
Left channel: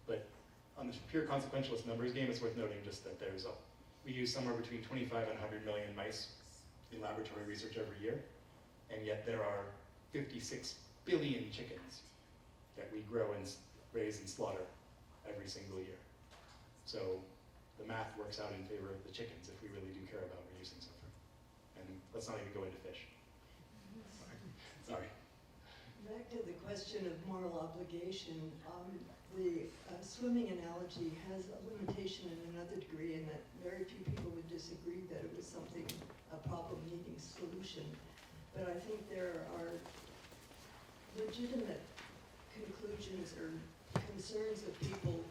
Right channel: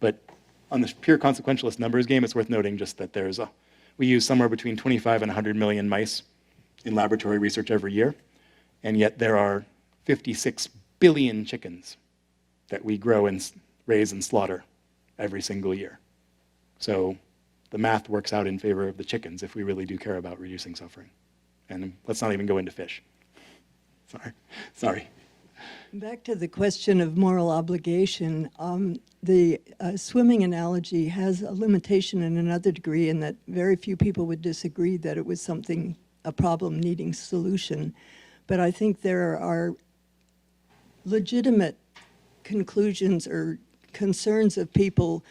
But on the pure consequentialist numbers game, it's worth noting just that we use somewhere between 25 and 100 million mice in laboratory research every year, and yet there are 56 billion chickens that we grow and raise and slaughter every single year. So the math works out in favor of the chickens if we really do care about reducing suffering. And let's not even go into fish. Sorry. Back to the question of moral obligation, the swimming analogy has a limitation in another degree in that very few people would disagree that it was a problem needing solution. But I think there are legitimate conclusions or concerns of people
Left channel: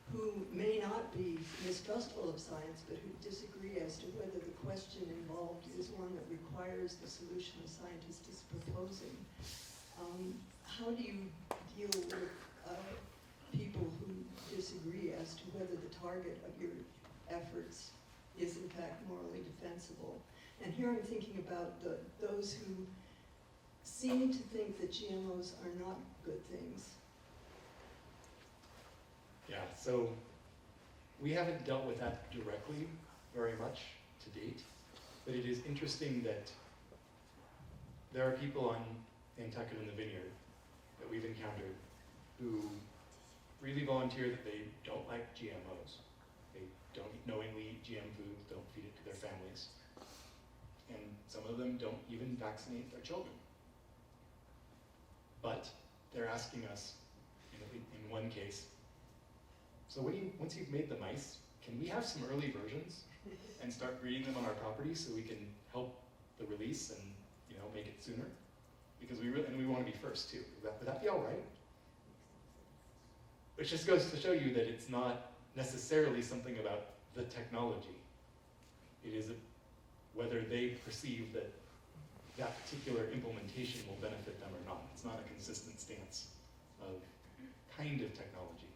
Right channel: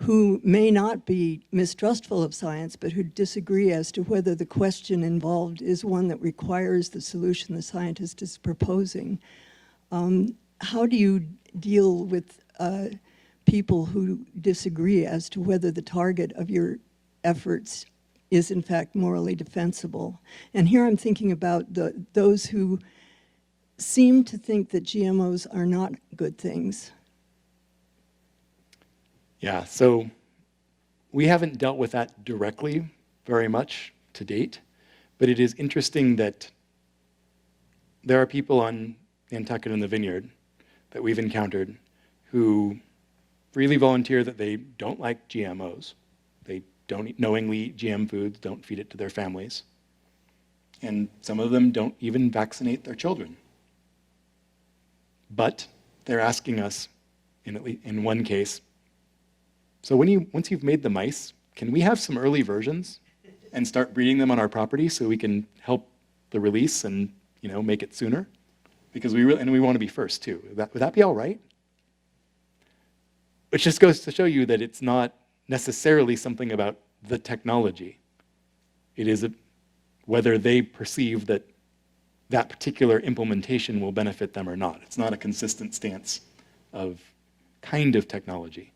who may not be mistrustful of science, but who disagree as to whether the question involved is one that requires the solution the scientist is proposing. How do you deal with people who disagree as to whether the target of your efforts is in fact morally defensible? And here I'm thinking about those who seem to think that GMOs are not good things. Yeah, so we haven't dealt with that directly very much to date, but it is interesting that there are people on Nantucket and the Vineyard that we've encountered who freely volunteer that they don't like GMOs. They don't knowingly eat GM foods, don't feed it to their families. And some of them don't even vaccinate their children. But they're asking us, in one case, so once you've made the mice, can we have some early versions and start breeding them on our property so we can help the release and make it sooner? Because we want to be first too. Would that be all right? Which just goes to show you that it's not necessarily something about the technology. It is whether they perceive that that particular implementation will benefit them or not. It's not a consistent stance of kind of technology.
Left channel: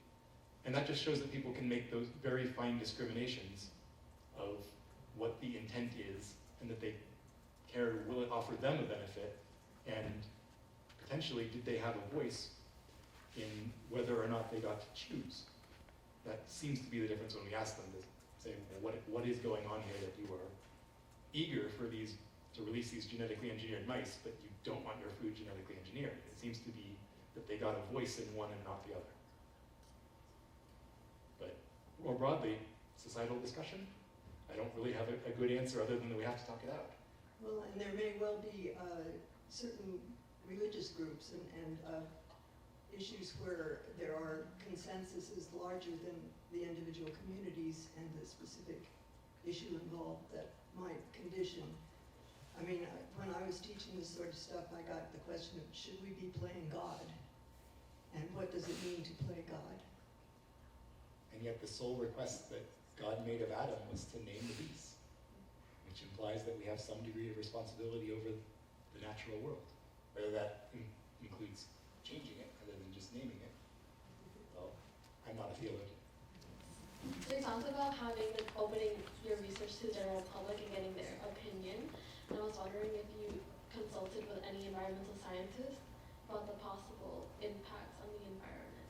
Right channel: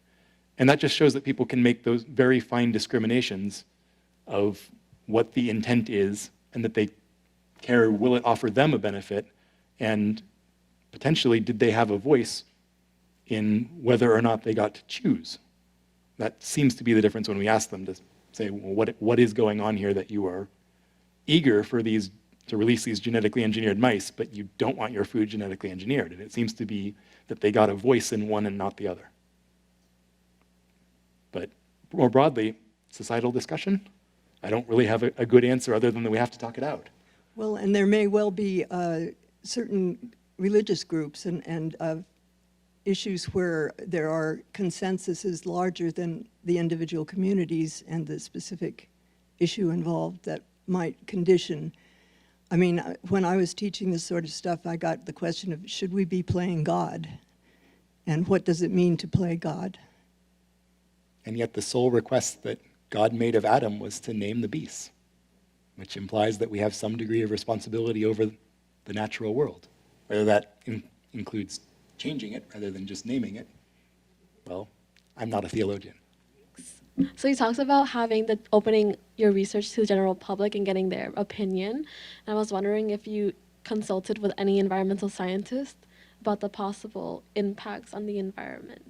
And that just shows that people can make those very fine discriminations of what the intent is and that they care, will it offer them a benefit, and potentially did they have a voice in whether or not they got to choose. That seems to be the difference when we ask them to say, well, what is going on here that you are eager for to release these genetically engineered mice, but you don't want your food genetically engineered. And it seems to be that they got a voice in one and not the other. But more broadly, societal discussion, I don't really have a good answer other than that we have to talk it out. Well, and there may well be certain religious groups and issues where there are consensuses larger than the individual communities and the specific issue involved that might condition. I mean, when I was teaching this sort of stuff, I got the question of, should we be playing God? And what does it mean to play God? And yet the sole request that God made of Adam was to name the beasts, which implies that we have some degree of responsibility over the natural world. Whether that includes changing it rather than just naming it, well, I'm not a theologian. So he talks about opening your research to the general public and getting their opinion. And I was wondering if you consulted with any environmental scientists about the possible impacts on the environment.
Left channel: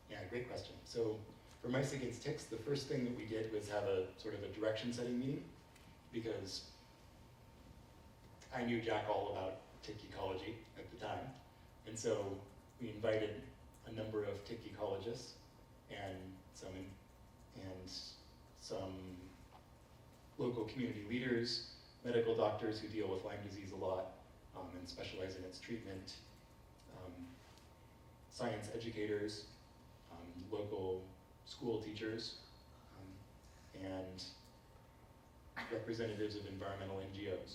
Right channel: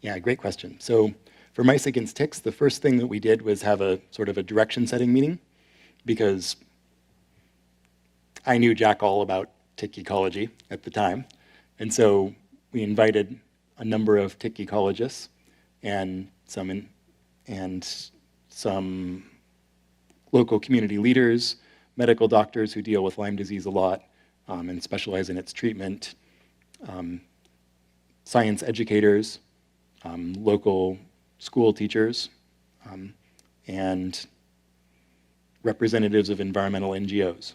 Yeah, great question. So for Mice Against Ticks, the first thing that we did was have a sort of a direction-setting meeting, because I knew jack all about tick ecology at the time. And so we invited a number of tick ecologists and some local community leaders, medical doctors who deal with Lyme disease a lot and specialize in its treatment, science educators, local school teachers, and representatives of environmental NGOs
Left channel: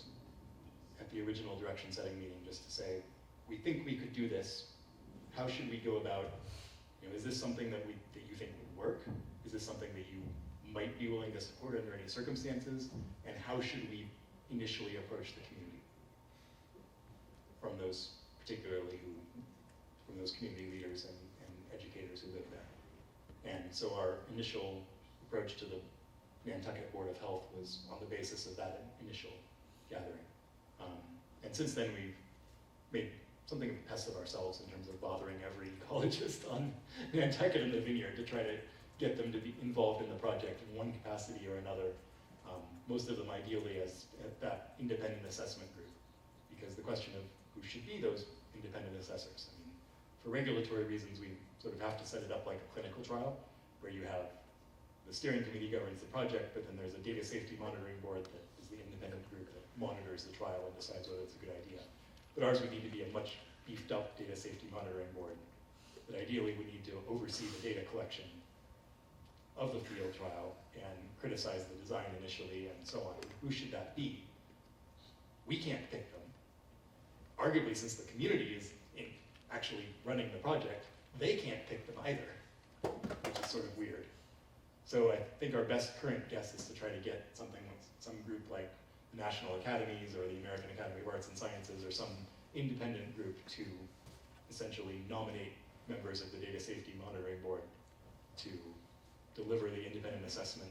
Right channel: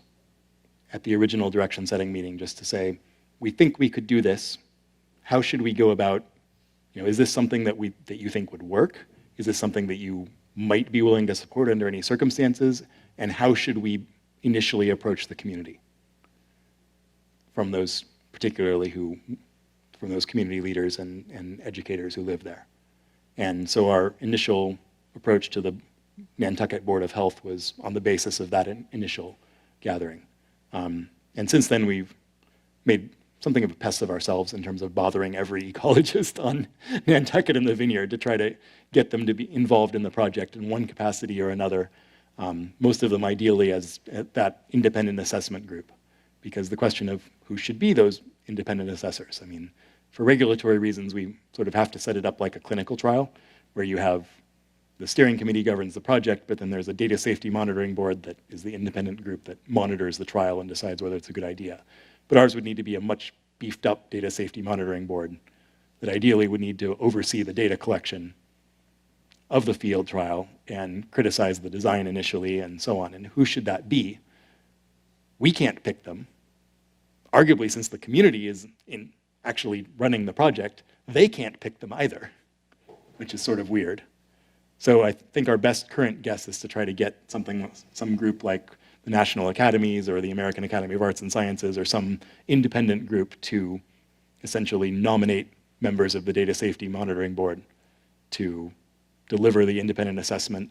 at the original direction-setting meeting, just to say, we think we could do this. How should we go about, is this something that you think would work? Is this something that you might be willing to support under any circumstances, and how should we initially approach the community from those, from those community leaders and educators who live there. And so our initial approach to the Nantucket Board of Health was on the basis of that initial gathering. And since then, we've made something of a pest of ourselves in terms of bothering every ecologist on Nantucket and the Vineyard to try to get them to be involved in the project in one capacity or another, most of them ideally as that independent assessment group, because the question of who should be those independent assessors. I mean, for regulatory reasons, we sort of have to set it up like a clinical trial, where you have the steering committee governs the project, but then there's a data safety monitoring board that is the independent group that monitors the trial and decides whether it's a good idea. But ours would need to be a much beefed up data safety monitoring board that ideally would need to oversee the data collection of the field trial and criticize the design initially and so on. And who should that be? We can't pick them. Arguably, since the community is actually running the project, they can't pick them either, which is sort of weird. So I think our best current guess is to try to get some group like the National Academies or the American Academy of Arts and Sciences or some independent group to essentially nominate members of the Data Safety Monitoring Board to deliver the independent assessment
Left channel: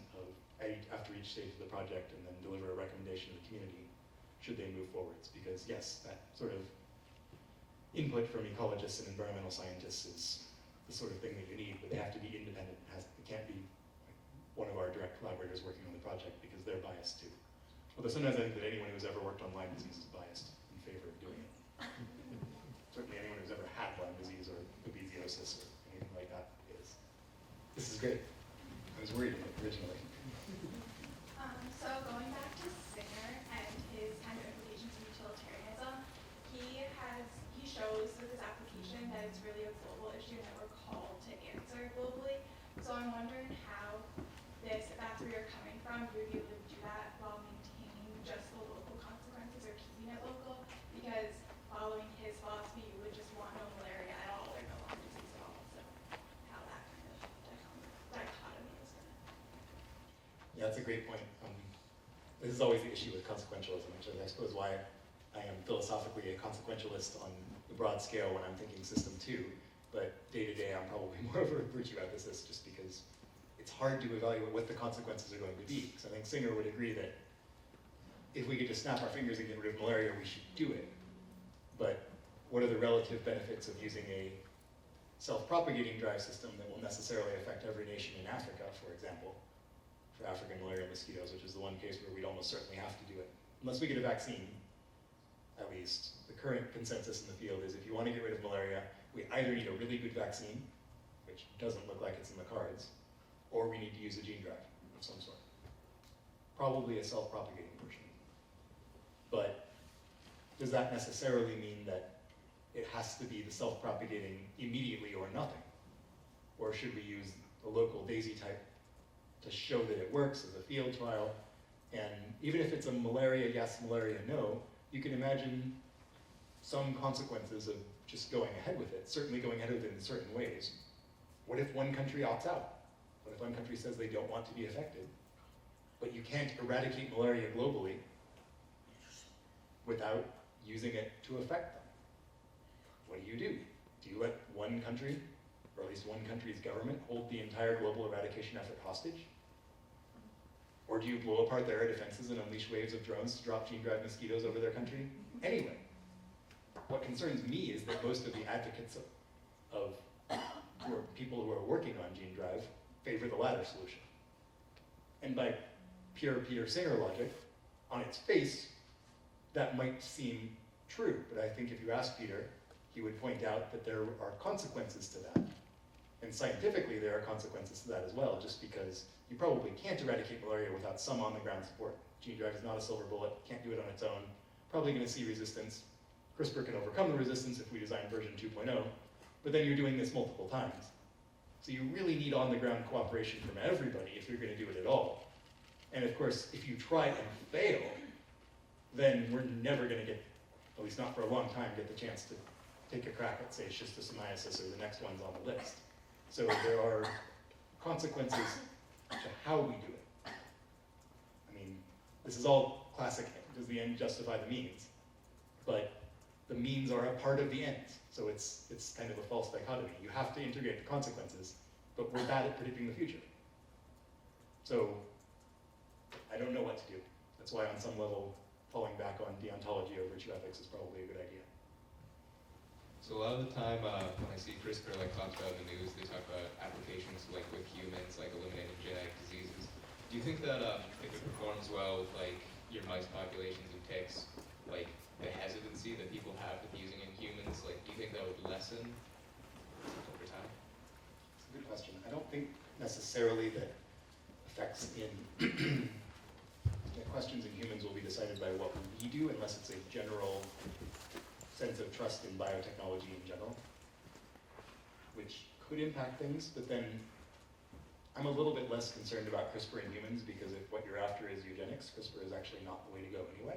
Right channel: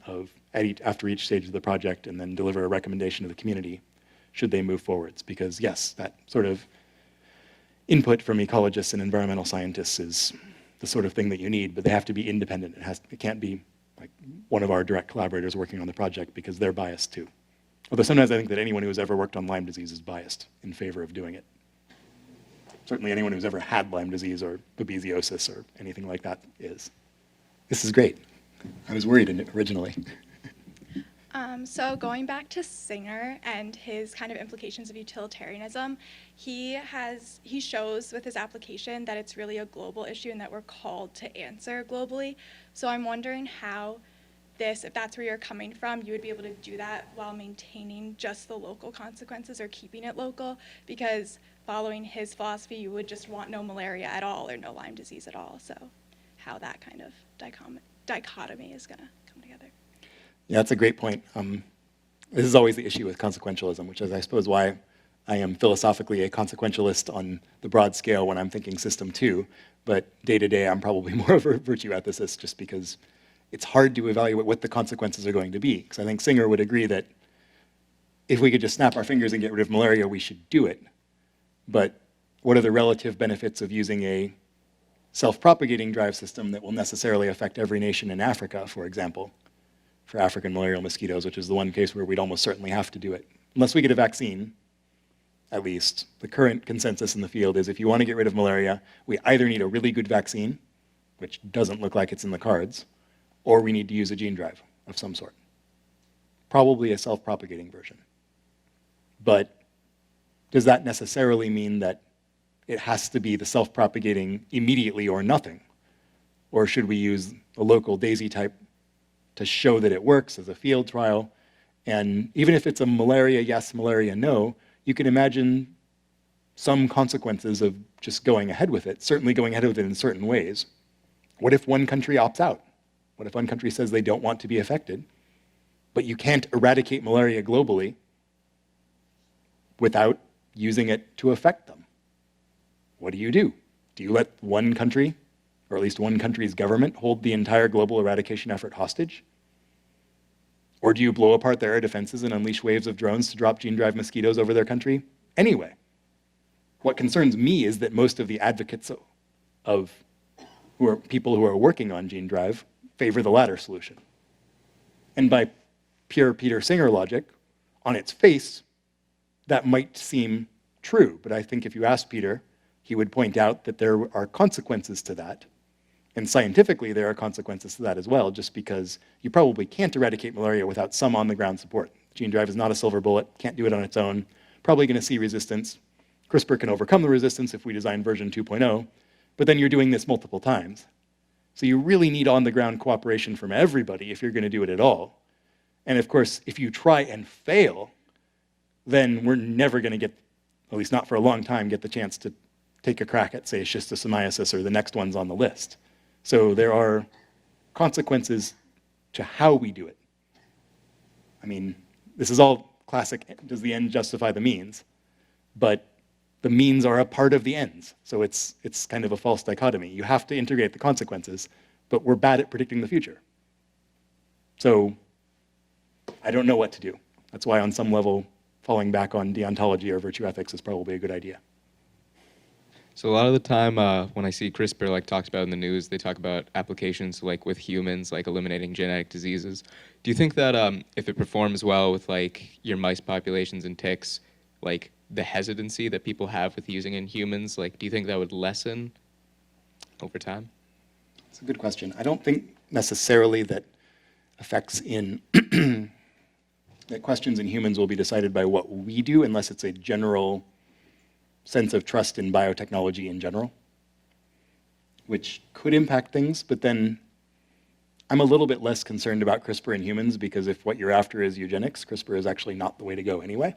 after each stage of the project and then deliver a recommendation to the community should they move forwards. Because yes, that sort of input from ecologists and environmental scientists is the sort of thing that you need, but they have to be independent. It can't be like one of our direct collaborators working on the project because they're biased too. Although sometimes I think that anyone who's ever worked on Lyme disease is biased in favor of doing it. Certainly anyone who's ever had Lyme disease or babesiosis or anything like that is. This is great. I was worried originally. So going back to Singer and his kind of implications of utilitarianism, he shows with his application that it's really a global issue and that we're called to answer globally. So I'm wondering how if that's where you're coming from, you would be able to do that while maintaining just the local consequences or keeping it local, because following his philosophy, you would just want no malaria at all or no Lyme disease at all. So how that kind of dichotomy is going to come together. Yeah, that's a great point. This is always the issue with consequentialism, which is, I suppose, why I am philosophically a consequentialist on the broad scale when I'm thinking system two, but day to day I'm probably more of a virtue ethicist just because it's hard to evaluate what the consequences are going to be. Because I think Singer would agree that if we could just snap our fingers and get rid of malaria, we should do it. But what are the relative benefits of using a self-propagating drive system that will necessarily affect every nation in Africa, for example, for African malarial mosquitoes, which is the one case where we'd almost certainly have to do it. Unless we get a vaccine, at least, the current consensus in the field is if you want to get rid of malaria, we either need a really good vaccine, which doesn't look like it's in the cards, or we need to use a gene drive of some sort. Probably a self-propagating version. But does that necessarily mean that it has to be the self-propagating immediately or nothing? Or should we use a local DAISY type to show that it works as a field trial? And even if it's a malaria yes, malaria no, you can imagine some consequences of just going ahead with it, certainly going ahead with it in certain ways. What if one country opts out? What if one country says they don't want to be affected, but you can't eradicate malaria globally without using it to affect them? What do? Do you let one country, or at least one country's government, hold the entire global eradication effort hostage? Or do you blow apart their air defenses and unleash waves of drones to drop gene drive mosquitoes over their country? Anyway, what concerns me is that most of the advocates of people who are working on gene drive favor the latter solution. And by pure Peter Singer logic, on its face, that might seem true. But I think if you ask Peter, he would point out that there are consequences to that. And scientifically, there are consequences to that as well, just because you probably can't eradicate malaria without some on-the-ground support. Gene drive is not a silver bullet, can't do it on its own, probably going to see resistance. CRISPR can overcome the resistance if we design version 2.0, but then you're doing this multiple times. So you really need on-the-ground cooperation from everybody if you're going to do it at all. And of course, if you try and fail, then we're never going to get, at least not for a long time, get the chance to take a crack at, say, schistosomiasis or the next ones on the list. So there are consequences to how we do it. I mean, this is all classic, does the end justify the means? But the means are a part of the ends. So it's kind of a false dichotomy. You have to integrate the consequences, but we're bad at predicting the future. So I don't know what to do. That's why on some level, falling back on deontology or virtue ethics is probably a good idea. So a lot of the time when I see CRISPR like talked about in the news, they talk about applications like with humans, like eliminating genetic diseases. Do you think that if it performs well with like your mice populations and ticks, like the hesitancy that people have with using in humans, like do you think that would lessen over time? It's a good question. I don't think necessarily that effects in that questions in humans will be decided by what we do unless it's a general sense of trust in biotechnology in general, which could impact things, but then I'm a little bit less concerned about CRISPR in humans because if what you're after is eugenics, CRISPR is actually not the way to go anyway.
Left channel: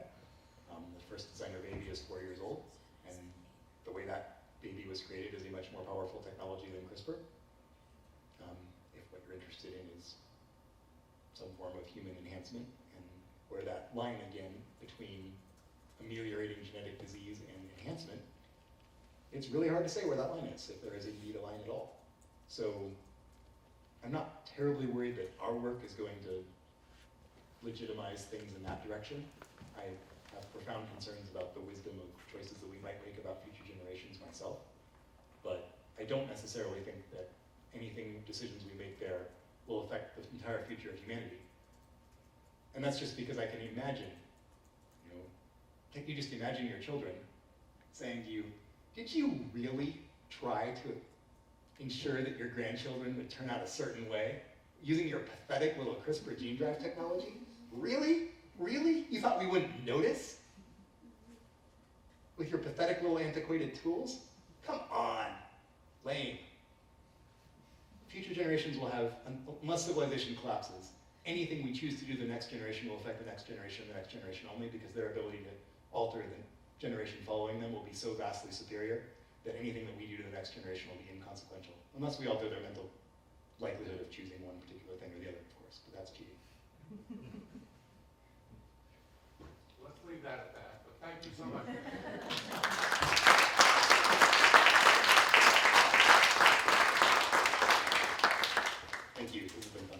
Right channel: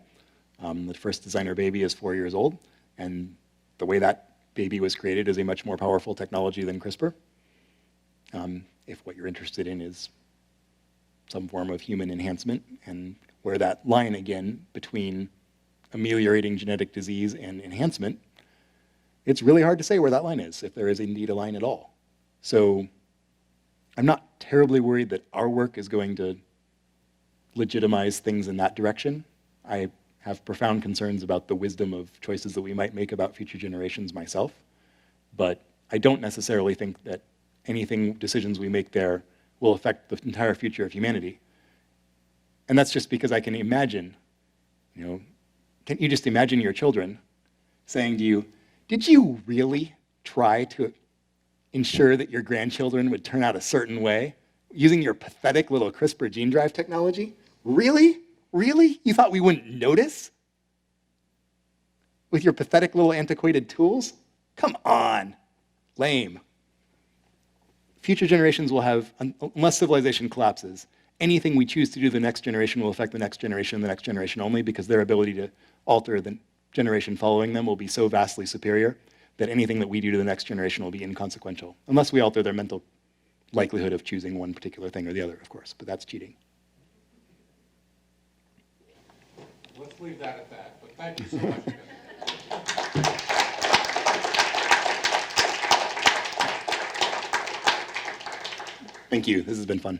The first designer baby is 4 years old, and the way that baby was created is a much more powerful technology than CRISPR. If what you're interested in is some form of human enhancement, and where that line again between ameliorating genetic disease and enhancement, it's really hard to say where that line is, if there is indeed a line at all. So I'm not terribly worried that our work is going to legitimize things in that direction. I have profound concerns about the wisdom of choices that we might make about future generations myself, but I don't necessarily think that decisions we make there will affect the entire future of humanity. And that's just because I can imagine, can't you just imagine your children saying to you, did you really try to ensure that your grandchildren would turn out a certain way using your pathetic little CRISPR Gene Drive technology? Really? Really? You thought we wouldn't notice? With your pathetic little antiquated tools? Come on. Lame. Future generations will have, unless civilization collapses, anything we choose to do to the next generation will affect the next generation and the next generation only because their ability to alter the generation following them will be so vastly superior that anything that we do to the next generation will be inconsequential, unless we alter their mental likelihood of choosing one particular thing or the other, of course, but that's cheating. Let's leave that at that, but thank you so much. Thank you. This has been fun.